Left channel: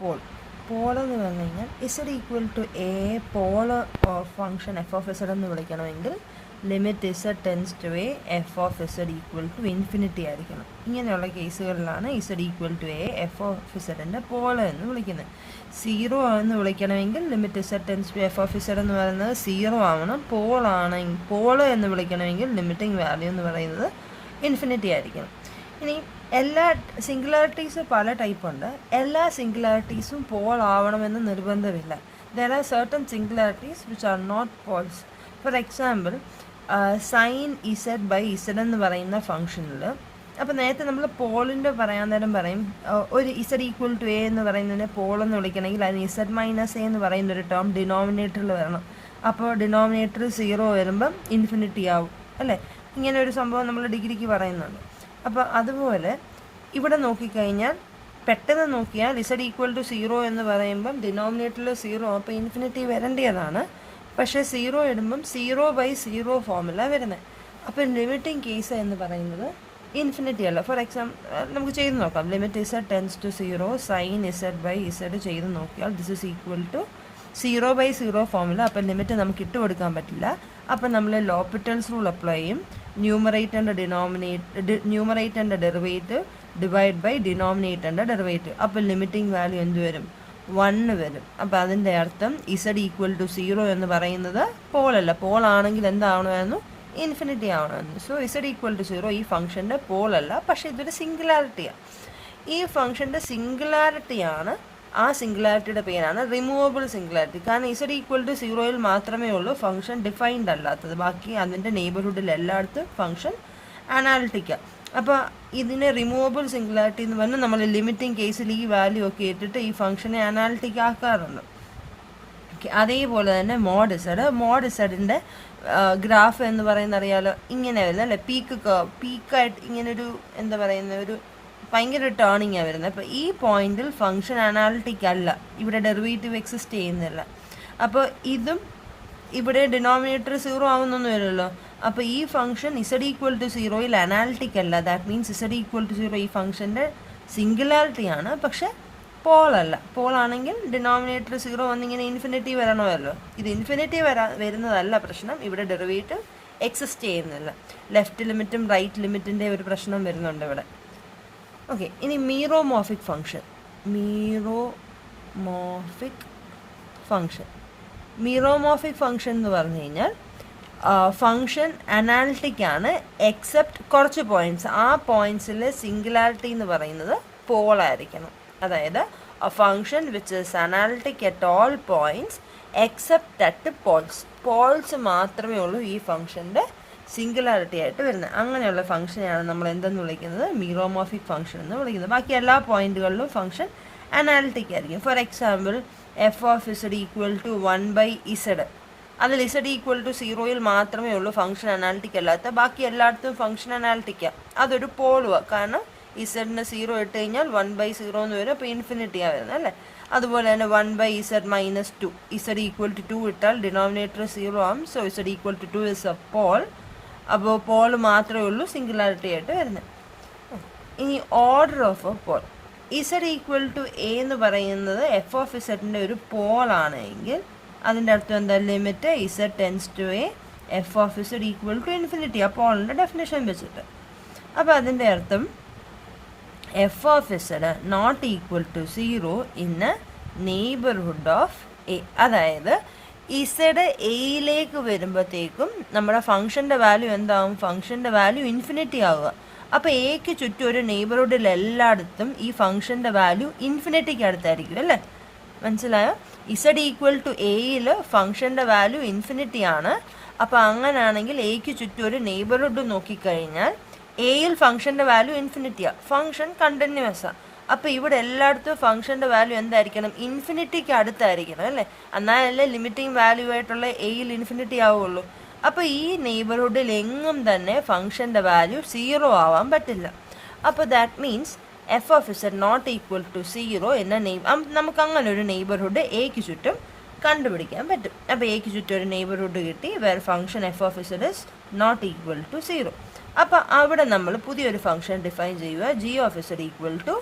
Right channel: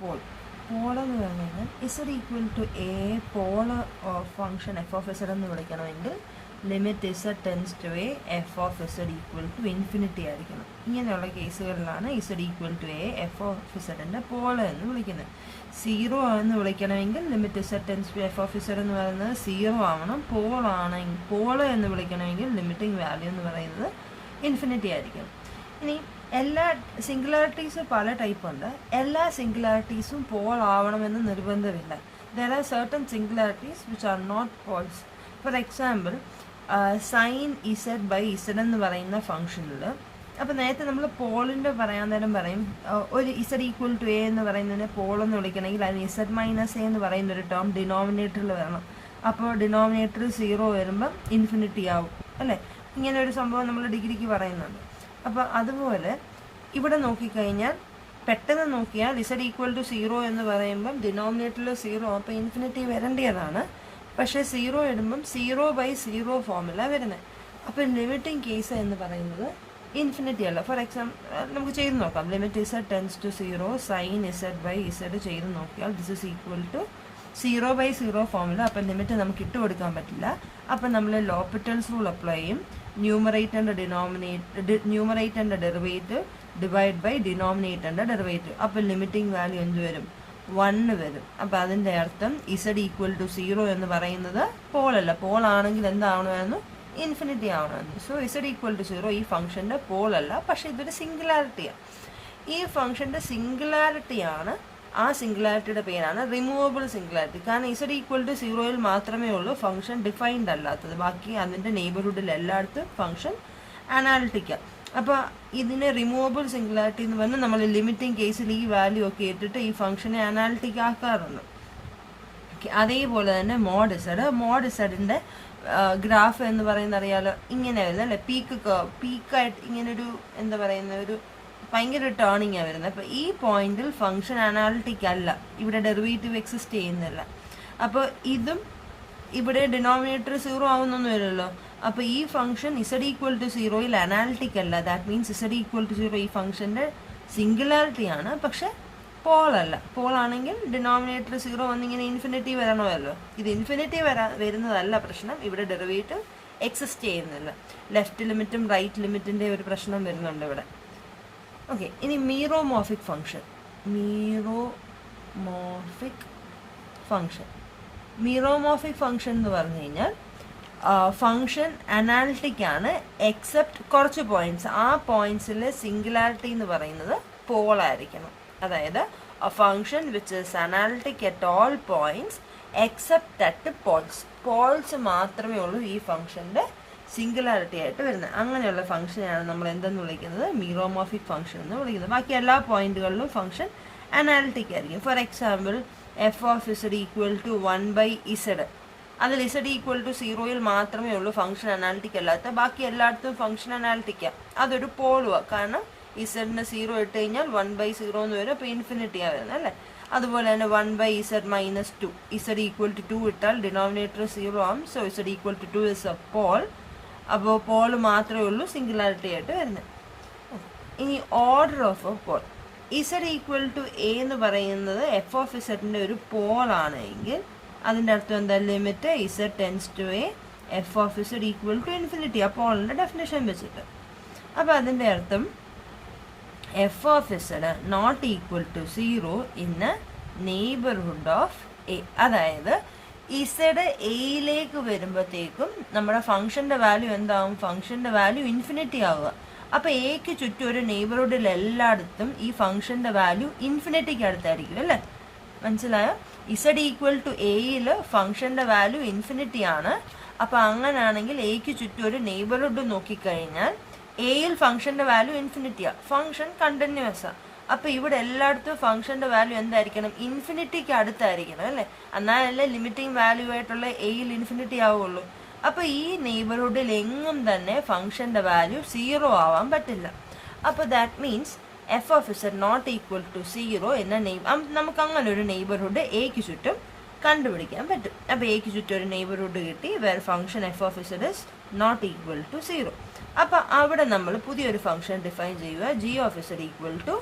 Paul. Paul എന്ന് പറഞ്ഞു കഴിഞ്ഞാൽ Z equal to A polar function F of Z എന്ന് വിളിക്കണമെങ്കിൽ limit Z tends to A F of Z equal to infinity ആയിരിക്കണം. ഇങ്ങനെയുള്ള കേസുകളിലാണ് Z equal to A F of ഇസഡിൻ്റെ polar എന്ന് വിളിക്കുന്നത്. 0 എന്ന് വിളിക്കണമെങ്കിൽ limit Z tends to F of Z എന്ന് പറയുന്നത് 0 ആവണം. പോളർ എന്ന് വിളിക്കണമെങ്കിൽ ലിമിറ്റിംഗ് വാല്യൂ എന്ന് പറയുന്നത് ഇൻഫിനിറ്റി ആയിരിക്കണം. ഇനി എല്ലാ സിംഗുലാരിറ്റീസ് പല ടൈപ്പുണ്ട്. എല്ലാ സിംഗുലാരിറ്റീസും പോൾ ആവണമെന്ന് നിർബന്ധമില്ല. There are certain singularities which are not poles. For example sine z by z എന്ന് പറയുന്ന ഫംഗ്ഷനിൽ, അപ്പോൾ നേരത്തെ നമ്മൾ പോളിൻ്റെ പറയാൻ നേരം പറയും ഒരു ഇസഡ് ഈക്വൽ ടു എ എന്ന് പറയുന്നതിനെ പോൾ എന്ന് വിളിക്കണമെങ്കിൽ അതിന് ഇസഡ് മൈനസ് എ എന്ന് പറയുന്നൊരു ടേം ഡിനോമിനേറ്ററിൽ വരണം. അപ്പോൾ ഡിനോമിനേറ്റർ 0 വരുമ്പം ഇൻഫിനിറ്റി ആവും അല്ലേ? ഇങ്ങനെ ഒരു സംഭവം നമ്മൾ ഡിഗ്രിക്ക് പറയുന്നുണ്ട്. അപ്പോൾ അതുപോലെ ഇവിടെ നോക്കിക്കഴിഞ്ഞാൽ പെട്ടെന്ന് നോക്കിയാൽ ഇസഡ് ഈക്വൽ ടു 0 എന്ന് പറയുമ്പം ഡിനോമിനേറ്ററിൽ 0, അപ്പോൾ ഇൻഫിനിറ്റി വരേണ്ടതാണ്. പക്ഷേ 0 ഇടുമ്പം 0/0 ഫോമിലാണ് വരുന്നത്. അപ്പോൾ ലിമിറ്റിംഗ് കേസ് എന്ന് പറയുന്നത് ഇൻഫിനിറ്റി അല്ല. ഫോർ എക്സാമ്പിൾ നമുക്ക് ചെയ്ത് നോക്കാം. Limit Z tends to 0 sine z by z ചെയ്ത് നോക്കിയാൽ ദിസ് ഇസ് ഈക്വൽ ടു 0/0 ഫോമില. അപ്പം ലിമിറ്റ് നമുക്ക് ഇട്ട് കൊടുക്കാൻ പറ്റില്ല. അപ്പം നമ്മൾ ലോപിറ്റൽസ് റൂൾ അപ്ലൈ ചെയ്യും. ന്യൂമറേറ്ററിൻ്റെ ഡെറിവേറ്റീവ് ഡിവൈഡ് ബൈ ഡിനോമിനേറ്ററിൻ്റെ ഡെറിവേറ്റീവ്. അപ്പം ലിമിറ്റിംഗ് വാല്യൂ എന്ത് വരും? 1 വരും. അപ്പം അതിൻ്റെ അർത്ഥം ഇസഡ് ഈക്വൽ ടു 0 എന്ന് പറയുന്നത് പോളല്ല. പോൾ ആണെങ്കിൽ എന്താവണമെന്ന്? ഇൻഫിനിറ്റി ആവണമെന്ന്. സോ ഇസഡ് ഈക്വൽ ടു 0 ഈ ഫംഗ്ഷൻ്റെ പോളല്ല, പക്ഷേ ഇതൊരു സിംഗുലാരിറ്റിയാണ്. ഈ ഫംഗ്ഷൻ്റെ സിംഗുലാരിറ്റിയാണ്, ആ സിംഗുലാരിറ്റിയുടെ പേരാണ് റിമൂവബിൾ സിംഗുലാരിറ്റി. കാരണം ഇസഡ് ഈക്വൽ ടു 0യിൽ മാത്രമേ ഉള്ളൂ ഫംഗ്ഷൻ ഡിഫൈൻഡ് അല്ലാത്തത്. ബാക്കി അതിൻ്റെ നെയ്ബർഹുഡിൽ എല്ലായിടത്തും ഫംഗ്ഷൻ അനാലിറ്റിക്കാണ്. അപ്പോൾ ഇതിനെ റിമൂവബിൾ സിംഗുലാരിറ്റി എന്ന് പറഞ്ഞാൽ നമ്മൾ ലിമിറ്റിംഗ് കേസിൽ ഈ വാല്യൂ ഒക്കെ ഇട്ടിട്ട് ഈ ഫംഗ്ഷനെ അനാലിറ്റിക് ആക്കാറുണ്ട്. അതേപോലെ തന്നെ മോഡ് ഇസഡിൻ്റെ ഗ്രാഫ് എന്ന് പറയുന്ന അറിയാലോ, ഇങ്ങനെ വരുന്നത് അല്ലേ? പീക്കായിട്ട് ഇങ്ങനൊരു എന്താ പറയുന്ന ഒരു ഭയങ്കര ടേണിങ്ങാണ് വരുന്നത്. അപ്പോൾ ഈ പോയിന്റിൽ ഫംഗ്ഷൻ അനാലിറ്റിക് അല്ല, ഇവിടെ ഡെറിവേറ്റീവ് എക്സിസ്റ്റ് ചെയ്യുന്നില്ല. അപ്പോൾ ഇതും ഇവിടെ ഡിനോമിനേറ്റർ 0 ആവുന്നൊന്നും വരില്ലല്ലോ. അപ്പോൾ ഈ ഫംഗ്ഷൻ ഇസഡ് ഈക്വൽ ടു 0യിൽ അനാലിറ്റിക് അല്ല. That means Z equal to 0 ഈ ഫംഗ്ഷൻ്റെ സിംഗുലാരിറ്റിയാണ്, പക്ഷെ പോൾ അല്ല. പോൾ ആണെങ്കിൽ ഡിനോമിനേറ്റർ 0 വന്നിങ്ങനെ ഇൻഫിനിറ്റി വരണമല്ലോ. ഇത് ഇൻഫിനിറ്റി വരുന്നതല്ല പ്രശ്നം, ഇവിടെ ഡെറിവേറ്റീവ് എക്സിസ്റ്റ് ചെയ്യുന്നില്ല. ലെഫ്റ്റ് ലിമിറ്റും റൈറ്റ് ലിമിറ്റിൻ്റെ ഒരു പ്രശ്നം വരുന്നുണ്ട് ഇവിടെ. ഓക്കെ, ഇനി മീറോമോർഫിക് ഫംഗ്ഷൻ എന്ന് പറഞ്ഞു കഴിഞ്ഞാൽ ഫംഗ്ഷൻ അനാലിറ്റിക് ആണ് എക്സെപ്റ്റ് കുറച്ച് പോയിന്റ്സ്. ആ പോയിന്റ്സിലെ സിംഗുലാരിറ്റി എന്ന് പറയുന്നത് പോൾ ആയിരിക്കണം. അതായത് a function which is analytic at all points except at poles മാത്രമേ ഉള്ളൂ ഈ ഫംഗ്ഷൻ്റെ സിംഗുലാരിറ്റി ആയിട്ട് വരുന്നത്. അങ്ങനെയുള്ള ഫംഗ്ഷനെയാണ് നമ്മൾ എന്തെന്ന് വിളിക്കുന്നത്? മീറോമോർഫിക് ഫംഗ്ഷൻ എന്ന് വിളിക്കുന്നത്. ബാക്കി എല്ലാ പോയിന്റുകളിലും ഫംഗ്ഷൻ അനാലിറ്റിക് ആയിരിക്കും. For example f of Z equal to 1/z. അതിൽ ഇസഡ് ഈക്വൽ ടു 0യിൽ മാത്രമേ ഉള്ളൂ ഫംഗ്ഷൻ അനാലിറ്റിക് അല്ലാത്ത. ബാക്കി എല്ലായിടത്തും ഫംഗ്ഷൻ അനാലിറ്റിക്കാണ്. അതൊരു പോളുവാണ്. കാരണം ഇസഡിന് 0 ഇട്ട് കഴിഞ്ഞാൽ 1/0 എന്ന് വരും. അപ്പോൾ ഇൻഫിനിറ്റിയാണ് വരുന്നത് അല്ലേ? അതുപോലെ തന്നെ 1/z-2. ഇസഡ് ഈക്വൽ ടു 2 ഇട്ടാൽ ഡിനോമിനേറ്റർ 0 ആവും. So Z equal to 2 is a pole. അപ്പോൾ പോൾ മാത്രമേ ഉള്ളൂ സിംഗുലാരിറ്റി ആയിട്ട് വരുന്നത്. ഇനി order of a pole. Z equal to A എന്ന് പറയുന്നത് എഫ് ഓഫ് ഇസഡിൻ്റെ ഒരു പോൾ ആണെങ്കിൽ അതിൻ്റെ അർത്ഥം എന്താ? Limit Z tends to A F of Z equal to infinity. ആ പോളിൻ്റെ ഡെഫിനേഷൻ വെച്ചിട്ട്. അപ്പോൾ അതിൻ്റെ അർത്ഥം f of z not equal to 0 in a neighbourhood of a. അതായത് ഇസഡ് എയിലേക്ക് വരുമ്പോഴത്തേക്കും നമ്മുടെ ഫംഗ്ഷൻ്റെ വാല്യൂ എന്താവും? ഫംഗ്ഷൻ്റെ വാല്യൂ ഇൻഫിനിറ്റി ആവുക. അപ്പോൾ എക്ക് ചുറ്റും ഒരു നെയ്ബർഹുഡിൽ എല്ലായിടത്തും ഈ ഫംഗ്ഷൻ്റെ വാല്യൂ ഇൻഫിനിറ്റിക്ക് അടുത്തായിരിക്കും അല്ലേ? മനസ്സിലായോ? ഇസഡ് ഈക്വൽ ടു എയിൽ ഫംഗ്ഷൻ്റെ വാല്യൂ ഇൻഫിനിറ്റി ആണ്. അപ്പോൾ അങ്ങനെയാണെങ്കിൽ എക്ക് ചുറ്റും ഒരു നെയ്ബർഹുഡ് നോക്കിക്കഴിഞ്ഞാൽ എയിൽ ഫംഗ്ഷൻ്റെ വാല്യൂ ഇൻഫിനിറ്റിയാണ്. ഫംഗ്ഷൻ കണ്ടിന്യൂസാണ്. അപ്പോൾ ഇവിടെ എല്ലായിടത്തും ഫംഗ്ഷൻ്റെ വാല്യൂ എന്തായിരിക്കണം? ഇൻഫിനിറ്റിക്ക് അടുത്തായിരിക്കണം അല്ലേ? എന്നാലല്ലേ ലിമിറ്റിംഗ് വാല്യൂ ആയിട്ടുള്ള എയിൽ ഇൻഫിനിറ്റി ആവുള്ളൂ. അപ്പോൾ ഈ നെയ്ബർഹുഡിൽ എങ്ങും തന്നെ ഫംഗ്ഷൻ്റെ വാല്യൂ 0 ആവാൻ പറ്റില്ല. അപ്പോൾ that means f of z not equal to 0 എന്ന നമുക്ക് അങ്ങനെ ഒരു നെയ്ബർഹുഡ് എക്ക് ചുറ്റും കണ്ടുപിടിക്കാൻ പറ്റും. അപ്പോൾ എക്ക് ചുറ്റും ഒരു നെയ്ബർഹുഡ് കിട്ടി where function F of z is not equal to 0. അപ്പോൾ അവിടെ നമ്മൾ പുതിയൊരു ഫംഗ്ഷൻ ഡിഫൈൻ ചെയ്യുക. G of Z equal to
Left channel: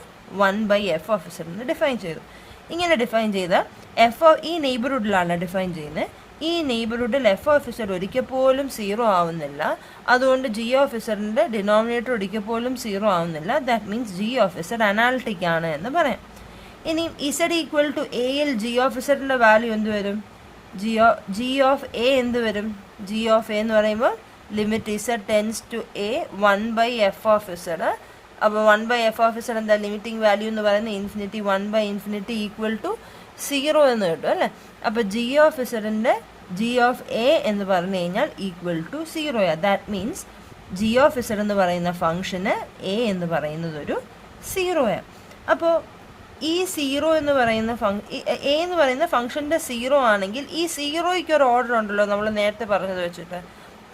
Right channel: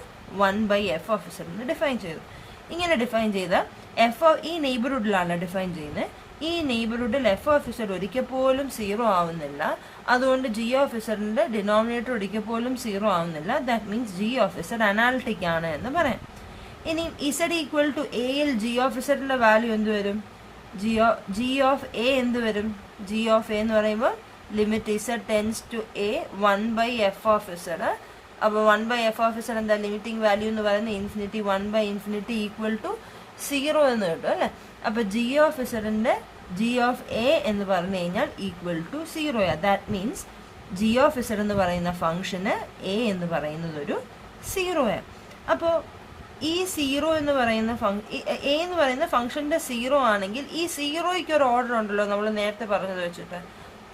1/f of Z എന്ന് ഡിഫൈൻ ചെയ്തു. ഇങ്ങനെ ഡിഫൈൻ ചെയ്ത ഈ നെയ്ബർഹുഡിലാണ് ഡിഫൈൻ ചെയ്യുന്നത്. ഈ നെയ്ബർഹുഡിൽ എഫ് ഓഫ് ഇസഡ് ഒരിക്കൽ പോലും 0 ആവുന്നില്ല. അതുകൊണ്ട് ജി ഓഫ് ഇസഡിന്റെ ഡിനോമിനേറ്റർ ഒരിക്കൽ പോലും 0 ആവുന്നില്ല. That means G of Z analytic ആണ് എന്ന് പറയാം. ഇനി ഇസഡ് ഈക്വൽ ടു എയിൽ ജി ഓഫ് ഇസഡിന്റെ വാല്യൂ എന്ത് വരും? ജി ഓഫ് എ എന്ത് വരും? ജി ഓഫ് എ എന്ന് പറയുമ്പോൾ limit Z tends to a 1/f of Z. അപ്പോൾ 1/f ഓഫ് ഇസഡ് എന്താ? ലിമിറ്റിംഗ് വാല്യൂ എന്ന് പറയുന്നത് ഇൻഫിനിറ്റി 1/∞ ഈക്വൽ ടു 0 എന്ന് കിട്ടും അല്ലേ? അപ്പോൾ ജി ഓഫ് ഇസഡിന്റെ ജി ഓഫ് എ എന്ന് പറഞ്ഞു കഴിഞ്ഞാൽ equal to 0. That means G of Z എന്ന് പറയുന്ന ഫംഗ്ഷന് എ എന്ന് പറയുന്നത് ഒരു 0. അപ്പോൾ ഈ 0 എന്ന് പറയുന്ന എ എന്ന് പറയുന്ന ഫംഗ്ഷന്റെ 0 ആണെങ്കിൽ ഈ 0യ്ക്ക് ഒരു ഓർഡർ ഉണ്ടല്ലോ നമ്മൾ നേരത്തെ പറഞ്ഞത് വെച്ചിട്ട്.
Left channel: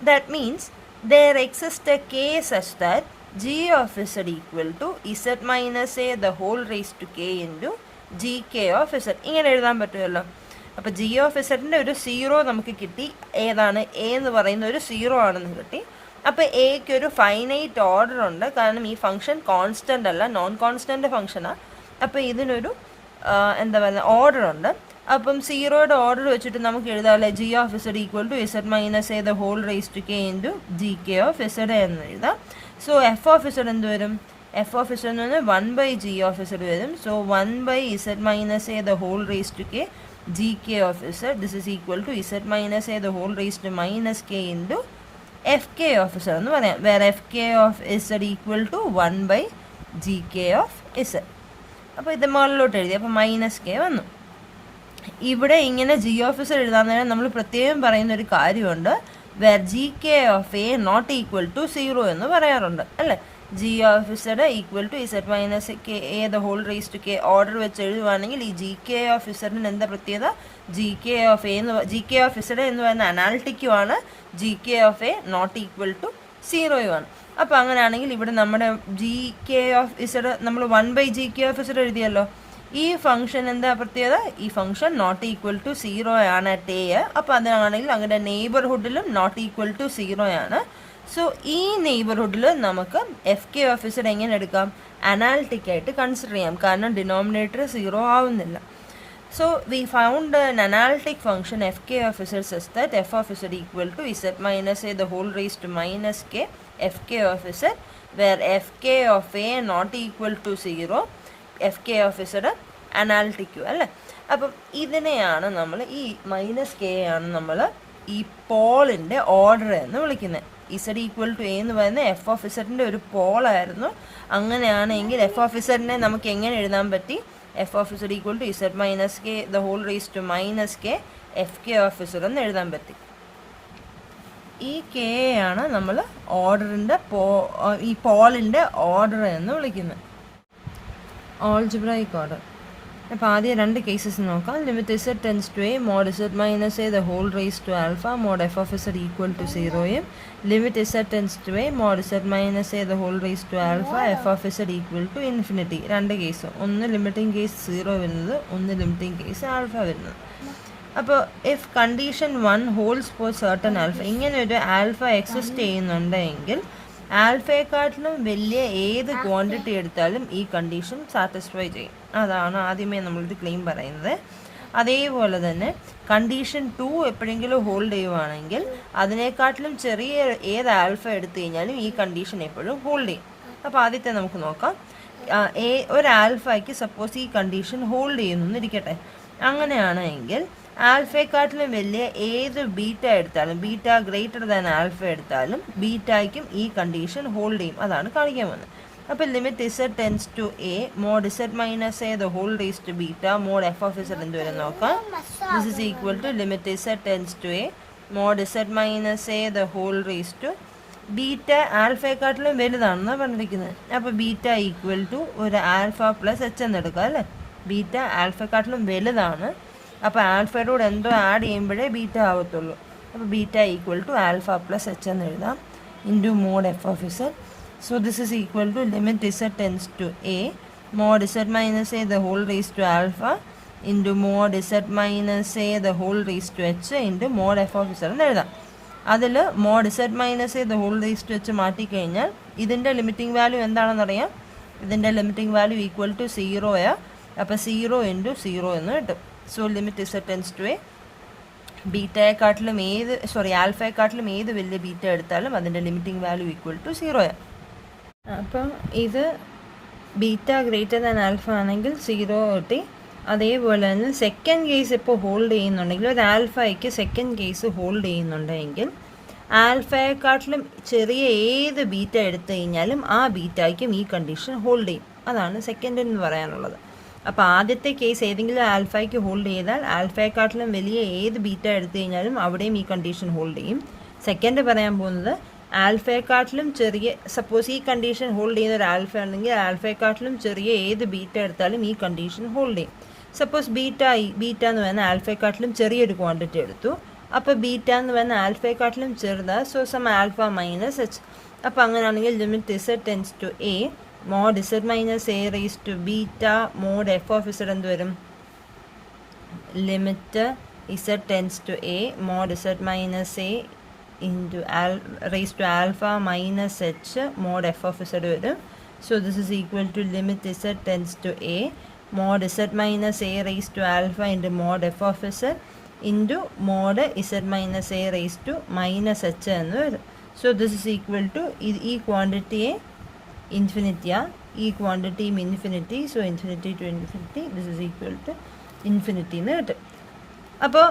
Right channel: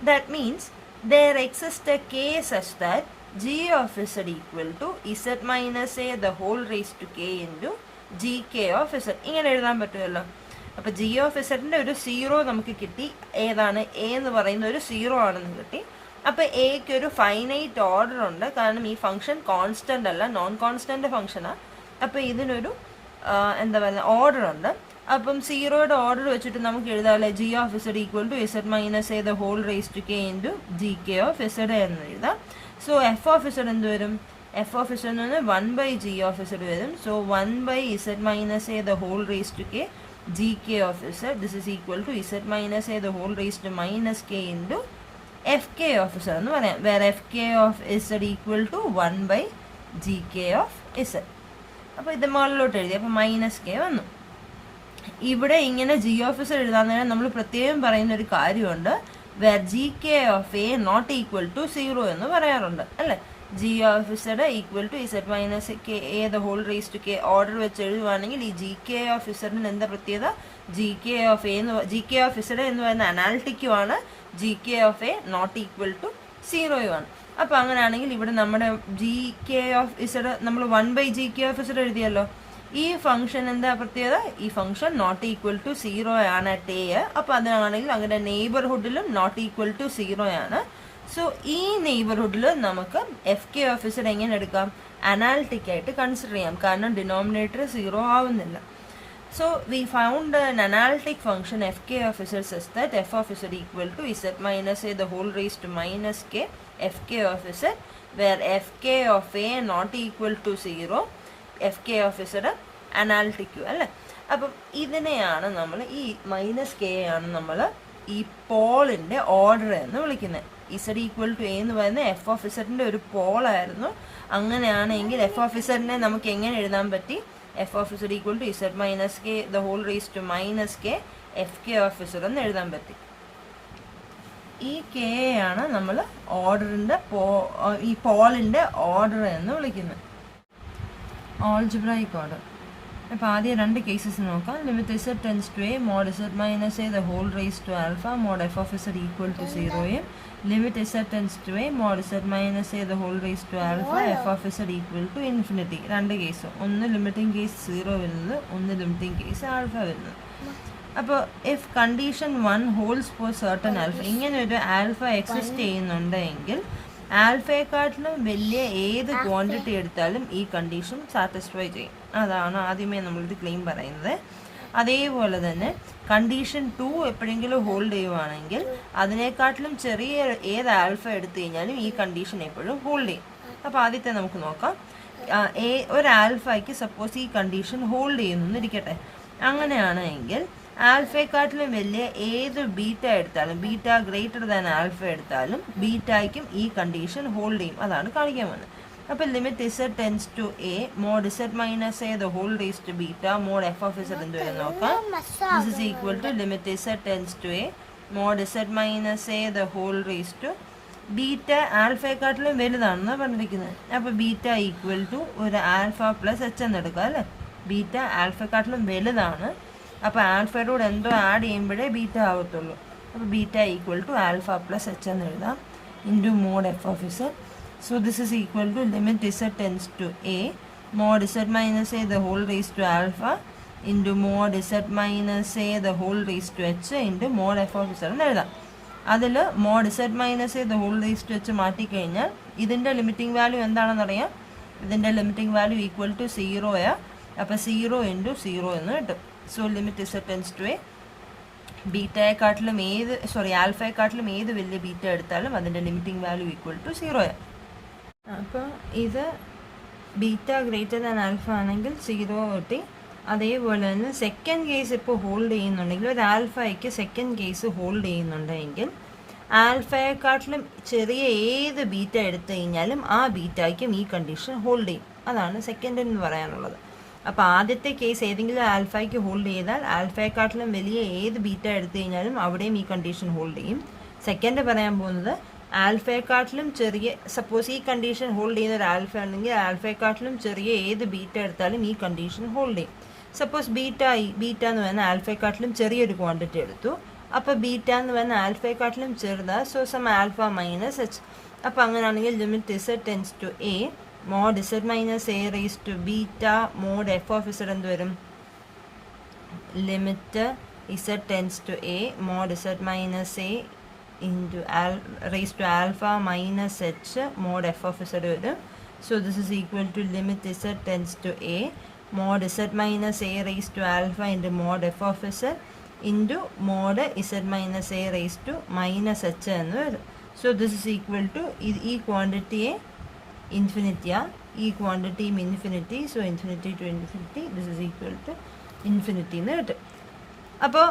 That means there exists a case such that g of z equal to z minus a the whole raised to k into gk of z. ഇങ്ങനെ എഴുതാൻ പറ്റുമല്ലോ. അപ്പോൾ ജി ഓഫ് ഇസഡിന്റെ ഒരു 0 നമുക്ക് കിട്ടി. ഏതാണ്? എ എന്ന് പറയുന്ന ഒരു 0 ആണെന്ന് കിട്ടി. അപ്പോൾ എക്ക് ഒരു ഫൈനൈറ്റ് ഓർഡർ ഉണ്ട്. കാരണം ഈ ഫംഗ്ഷൻ കോൺസ്റ്റന്റ് അല്ല, നോൺ കോൺസ്റ്റന്റ് ഫംഗ്ഷനാണ്. അപ്പോൾ ഇതിനൊരു എന്താ പറയുക ഓർഡർ ഉണ്ട്. അപ്പം 0യുടെ ഓർഡർ വെച്ചിട്ട് നമുക്ക് എഴുതാമല്ലേ G of Z equal to Z minus A the whole raise to K into G K of Z എന്ന് എഴുതാം. സോ എഫ് ഓഫ് ഇസഡ് എന്ത് വരും? എഫ് ഓഫ് ഇസഡ് എന്ന് പറഞ്ഞാൽ 1/g ഓഫ് ഇസഡ് വരും. So 1/z minus A the whole raise to k g K of z this is equal to Z minus A the whole raise to minus K into f K of Z എന്ന് പറയാം. വേറെ f K of Z equal to 1/gk of Z. അപ്പോൾ ഇത് മുകളിലോട്ട് എഴുതി. അപ്പോൾ minus K വന്നു. ഇവിടെ ഇങ്ങനെ ജി ഓഫ് ഇസഡ് എഴുതാൻ നേരം നമ്മൾ പ്രത്യേകം പറയുന്ന ഒരു കാര്യമുണ്ട്. Where g K of A not equal to 0 എന്ന് പറയാറുണ്ട് അല്ലേ? G of Z equal to Z minus k a the whole raise to k order വെച്ച് എഴുതുവാണെങ്കിൽ ഈ ജി കെ ഓഫ് ഇസഡിന് എന്താ പ്രത്യേകത? ജി കെ ഓഫ് ഇസഡ് എന്ന് പറയുന്ന അനാലിറ്റിക്കുമാണ്. G K of A not equal to 0 അപ്പോൾ അങ്ങനെയാണെങ്കിൽ ഇവിടെ നമ്മുടെ ജി കെ ഓഫ് ഇസഡ് നമ്മൾ 1/gk ഓഫ് ഇസഡ് എഴുതിയല്ലോ. ഈ ഫംഗ്ഷൻ എന്താ പ്രത്യേകത? ഈ ഫംഗ്ഷൻ നോട്ട് ഈക്വൽ ടു 0 ആണ് അറ്റ് എ. അപ്പോൾ അതിനാണെങ്കിൽ അങ്ങനെ നെയ്ബർഹുഡിലും നോട്ട് ഈക്വൽ ടു 0 ആണ്. സോ ഈ നെയ്ബർഹുഡിൽ നമുക്ക് എഫ് കെ ഓഫ് ഇസഡ് എങ്ങനെ എടുക്കാം? അനാലിറ്റിക് ആയിട്ട് കൺസിഡർ ചെയ്യാം. കാരണം ഡിനോമിനേറ്റർ 0 ആവുന്നില്ല. So we found an analytic function fk of z such that f of z equal to z minus a the whole raised to minus k fk of z, where fk of a not equal to 0, fk of z analytic അല്ലേ? അപ്പം ഇതിനെയാണ് നമ്മൾ ഈ minus K ആണ് നമ്മൾ ഈ പോളിൻ്റെ order എന്ന് വിളിക്കുന്നത്. ഇസഡ് ഈക്വൽ ടു എ എന്ന് പറയുന്നത് എഫ് ഓഫ് ഇസഡിൻ്റെ ഒരു പോളായിരുന്നു. അങ്ങനെയാണെങ്കിൽ എഫ് ഓഫ് ഇസഡിനെ നമുക്ക് എങ്ങനെ എഴുതാൻ പറ്റി? F of Z equal to Z minus k the whole raise to minus k f K of Z എന്ന് എഴുതാൻ പറ്റി. ഈ കെ ആണ് നമ്മൾ ഓർഡറിൻ്റെ ഈ പോളിൻ്റെ ഓർഡർ എന്ന് വിളിക്കുന്നത്. Algebraic order. അപ്പോൾ ആദ്യം രണ്ട് കേസസ് നോക്കാം. Limit Z tends to A mod Z minus A the whole raise to alpha mod F of Z equal to 0യും limit Z tends to A mod Z minus A the whole raise to alpha F of Z equal to infinity. രണ്ട് case, ഒന്ന് limiting case 0 വരുന്നത്, ഒന്ന് limiting case alpha വരുന്നത്. അപ്പോൾ if condition 1 holds four certain alpha, ഇങ്ങനെ ഒരു alpha exist ചെയ്യുന്നുണ്ടെങ്കിൽ ആൽഫയെക്കാട്ടിലും വലിയ ഏത് ക്വാണ്ടിറ്റി എടുത്താലും ഈ കണ്ടീഷൻ സാറ്റിസ്ഫൈ ചെയ്യും. അതാണ് ആദ്യമേ നമ്മളിത് ക്ലെയിം പറയുന്നത്. അതേപോലെ തന്നെ കണ്ടീഷൻ 2 എപ്പോഴെങ്കിലും ഹോൾഡ് ചെയ്യുവാണെങ്കിൽ അതിനെക്കാട്ടിലും ചെറിയ ഏത് ആൽഫ എടുത്തു കഴിഞ്ഞാലും ഈ കണ്ടീഷൻ എപ്പോഴും ഹോൾഡ് ചെയ്യും. അപ്പോൾ ആദ്യത്തെ നമുക്ക് നോക്കാം. ഒരു ആൽഫയ്ക്ക് സപ്പോസ് ഈ കണ്ടീഷൻ ഹോൾഡ് ചെയ്യുന്നു ഇരിക്കട്ടെ. അങ്ങനെയാണെങ്കിൽ ആൽഫയെക്കാട്ടിലും വലിയ ഏത് ബീറ്റ എടുത്താലും, ബീറ്റ ഗ്രേറ്റർ ദാൻ ആൽഫ എടുത്താലും ബീറ്റയ്ക്കും ഈ കണ്ടീഷൻ ഹോൾഡ് ചെയ്യും. അതാണ് കാണിക്കാൻ വന്നത്. അപ്പോൾ limit Z tends to A mod Z minus A the whole raise to beta mod F of Z എന്ത് വരെ നോക്കാം. This is equal to limit Z tends to A mod Z minus A the whole raise to beta ആൽഫയെക്കാട്ടിലും വലുതാണെന്നാണ് പറഞ്ഞിരിക്കുന്നത്. അപ്പോൾ beta equal to ഒരു alpha plus H എന്ന് എടുക്കാം അല്ലേ? ബീറ്റ ആൽഫയെക്കാട്ടിലും വലുതാണ്. അപ്പോൾ ആൽഫയുടെ കൂടെ എന്തോ ആഡ് ചെയ്യുമ്പോഴേ ബീറ്റ ആവത്തുള്ളൂ. അപ്പോൾ beta equal to alpha plus H എന്ന് എഴുതാം into mod F of z. So this is equal to limit z tends to a mod z minus a the whole raised to alpha into mod z minus a the whole raised to h into mod f of z എന്ന് എഴുതാം. അതിൽ mod z minus a the whole raised to h മാറ്റിക്കഴിഞ്ഞാൽ ഇതിൻ്റെ limiting value എന്താണെന്നറിയാം. ഇതിൻ്റെ limiting value equal to 0 അപ്പോൾ 0 × 0 എന്ന് കിട്ടും. So limit z tends to A, ബീറ്റയെക്കാട്ടിലും ആൽഫയെക്കാട്ടിലും ഏത് വലിയ ബീറ്റ എടുത്താലും അതിൻ്റെ ലിമിറ്റിംഗ് വാല്യൂ ഈക്വൽ ടു 0. അപ്പോൾ ഇത് ബീറ്റ ഗ്രേറ്റർ ദാൻ ആൽഫ ആണെങ്കിൽ 0 കിട്ടി. അതേപോലെ തന്നെ സെക്കൻഡ് കേസ് ഇപ്പോൾ ഹോൾഡ് ചെയ്യുന്നുണ്ടെങ്കിൽ, ഒരു ആൽഫയ്ക്ക് സെക്കൻഡ് കേസ് ഹോൾഡ് ചെയ്യുന്നുണ്ടെങ്കിൽ ആൽഫയെക്കാട്ടിലും ചെറിയ ഏത് ബീറ്റ എടുത്തു കഴിഞ്ഞാലും ആ ബീറ്റയ്ക്കും ഈ കണ്ടീഷൻ ഹോൾഡ് ചെയ്യും. അതാണ് സെക്കൻഡ് എന്ന് പറയാനുള്ളത്. അപ്പോൾ ആദ്യത്തെ കേസ് ഏതെങ്കിലും ആൽഫയ്ക്ക് ഹോൾഡ് ചെയ്താൽ ആൽഫയെക്കാട്ടിലും വലിയ ഏത് ബീറ്റ എടുത്തു കഴിഞ്ഞാലും അവിടെയും ഈ കണ്ടീഷൻ ഹോൾഡ് ചെയ്യും. സെക്കൻഡ് പറയാൻ പോകുന്നത് ആൽഫയെക്കാട്ടിലും ചെറിയ, സപ്പോസ് ഈ കണ്ടീഷൻ ഹോൾഡ് ചെയ്യുന്ന ഒരു ആൽഫ ഉണ്ടെങ്കിൽ ആൽഫയെക്കാട്ടിലും ചെറിയ ഏത് ബീറ്റ എടുത്താലും ഈ കണ്ടീഷൻ ഹോൾഡ് ചെയ്യും. സപ്പോസ് ബീറ്റ എന്ന് പറഞ്ഞാൽ ആൽഫയെക്കാട്ടിലും ചെറിയൊരു ക്വാണ്ടിറ്റി എടുത്തു. അപ്പോൾ ബീറ്റ എന്ന് പറഞ്ഞാൽ ആൽഫയെക്കാട്ടിലും ചെറുതാണ്. So some alpha minus h. അപ്പോൾ അങ്ങനെയാണെങ്കിൽ limit z tends to A mod z minus A raise to beta mod F of z എന്ത് വരും? Limit z tends to A mod z minus a into raise to alpha minus h mod F of z വരും. So this is equal to limit z tends to a mod z minus a raised to alpha into mod f of z into mod z minus a raised to minus h എന്ന് വരും. So this is equal to ഈ quantity infinity, ഈ quantity infinity, so infinity to infinity, this is equal to infinity എന്ന് കിട്ടും. അപ്പോൾ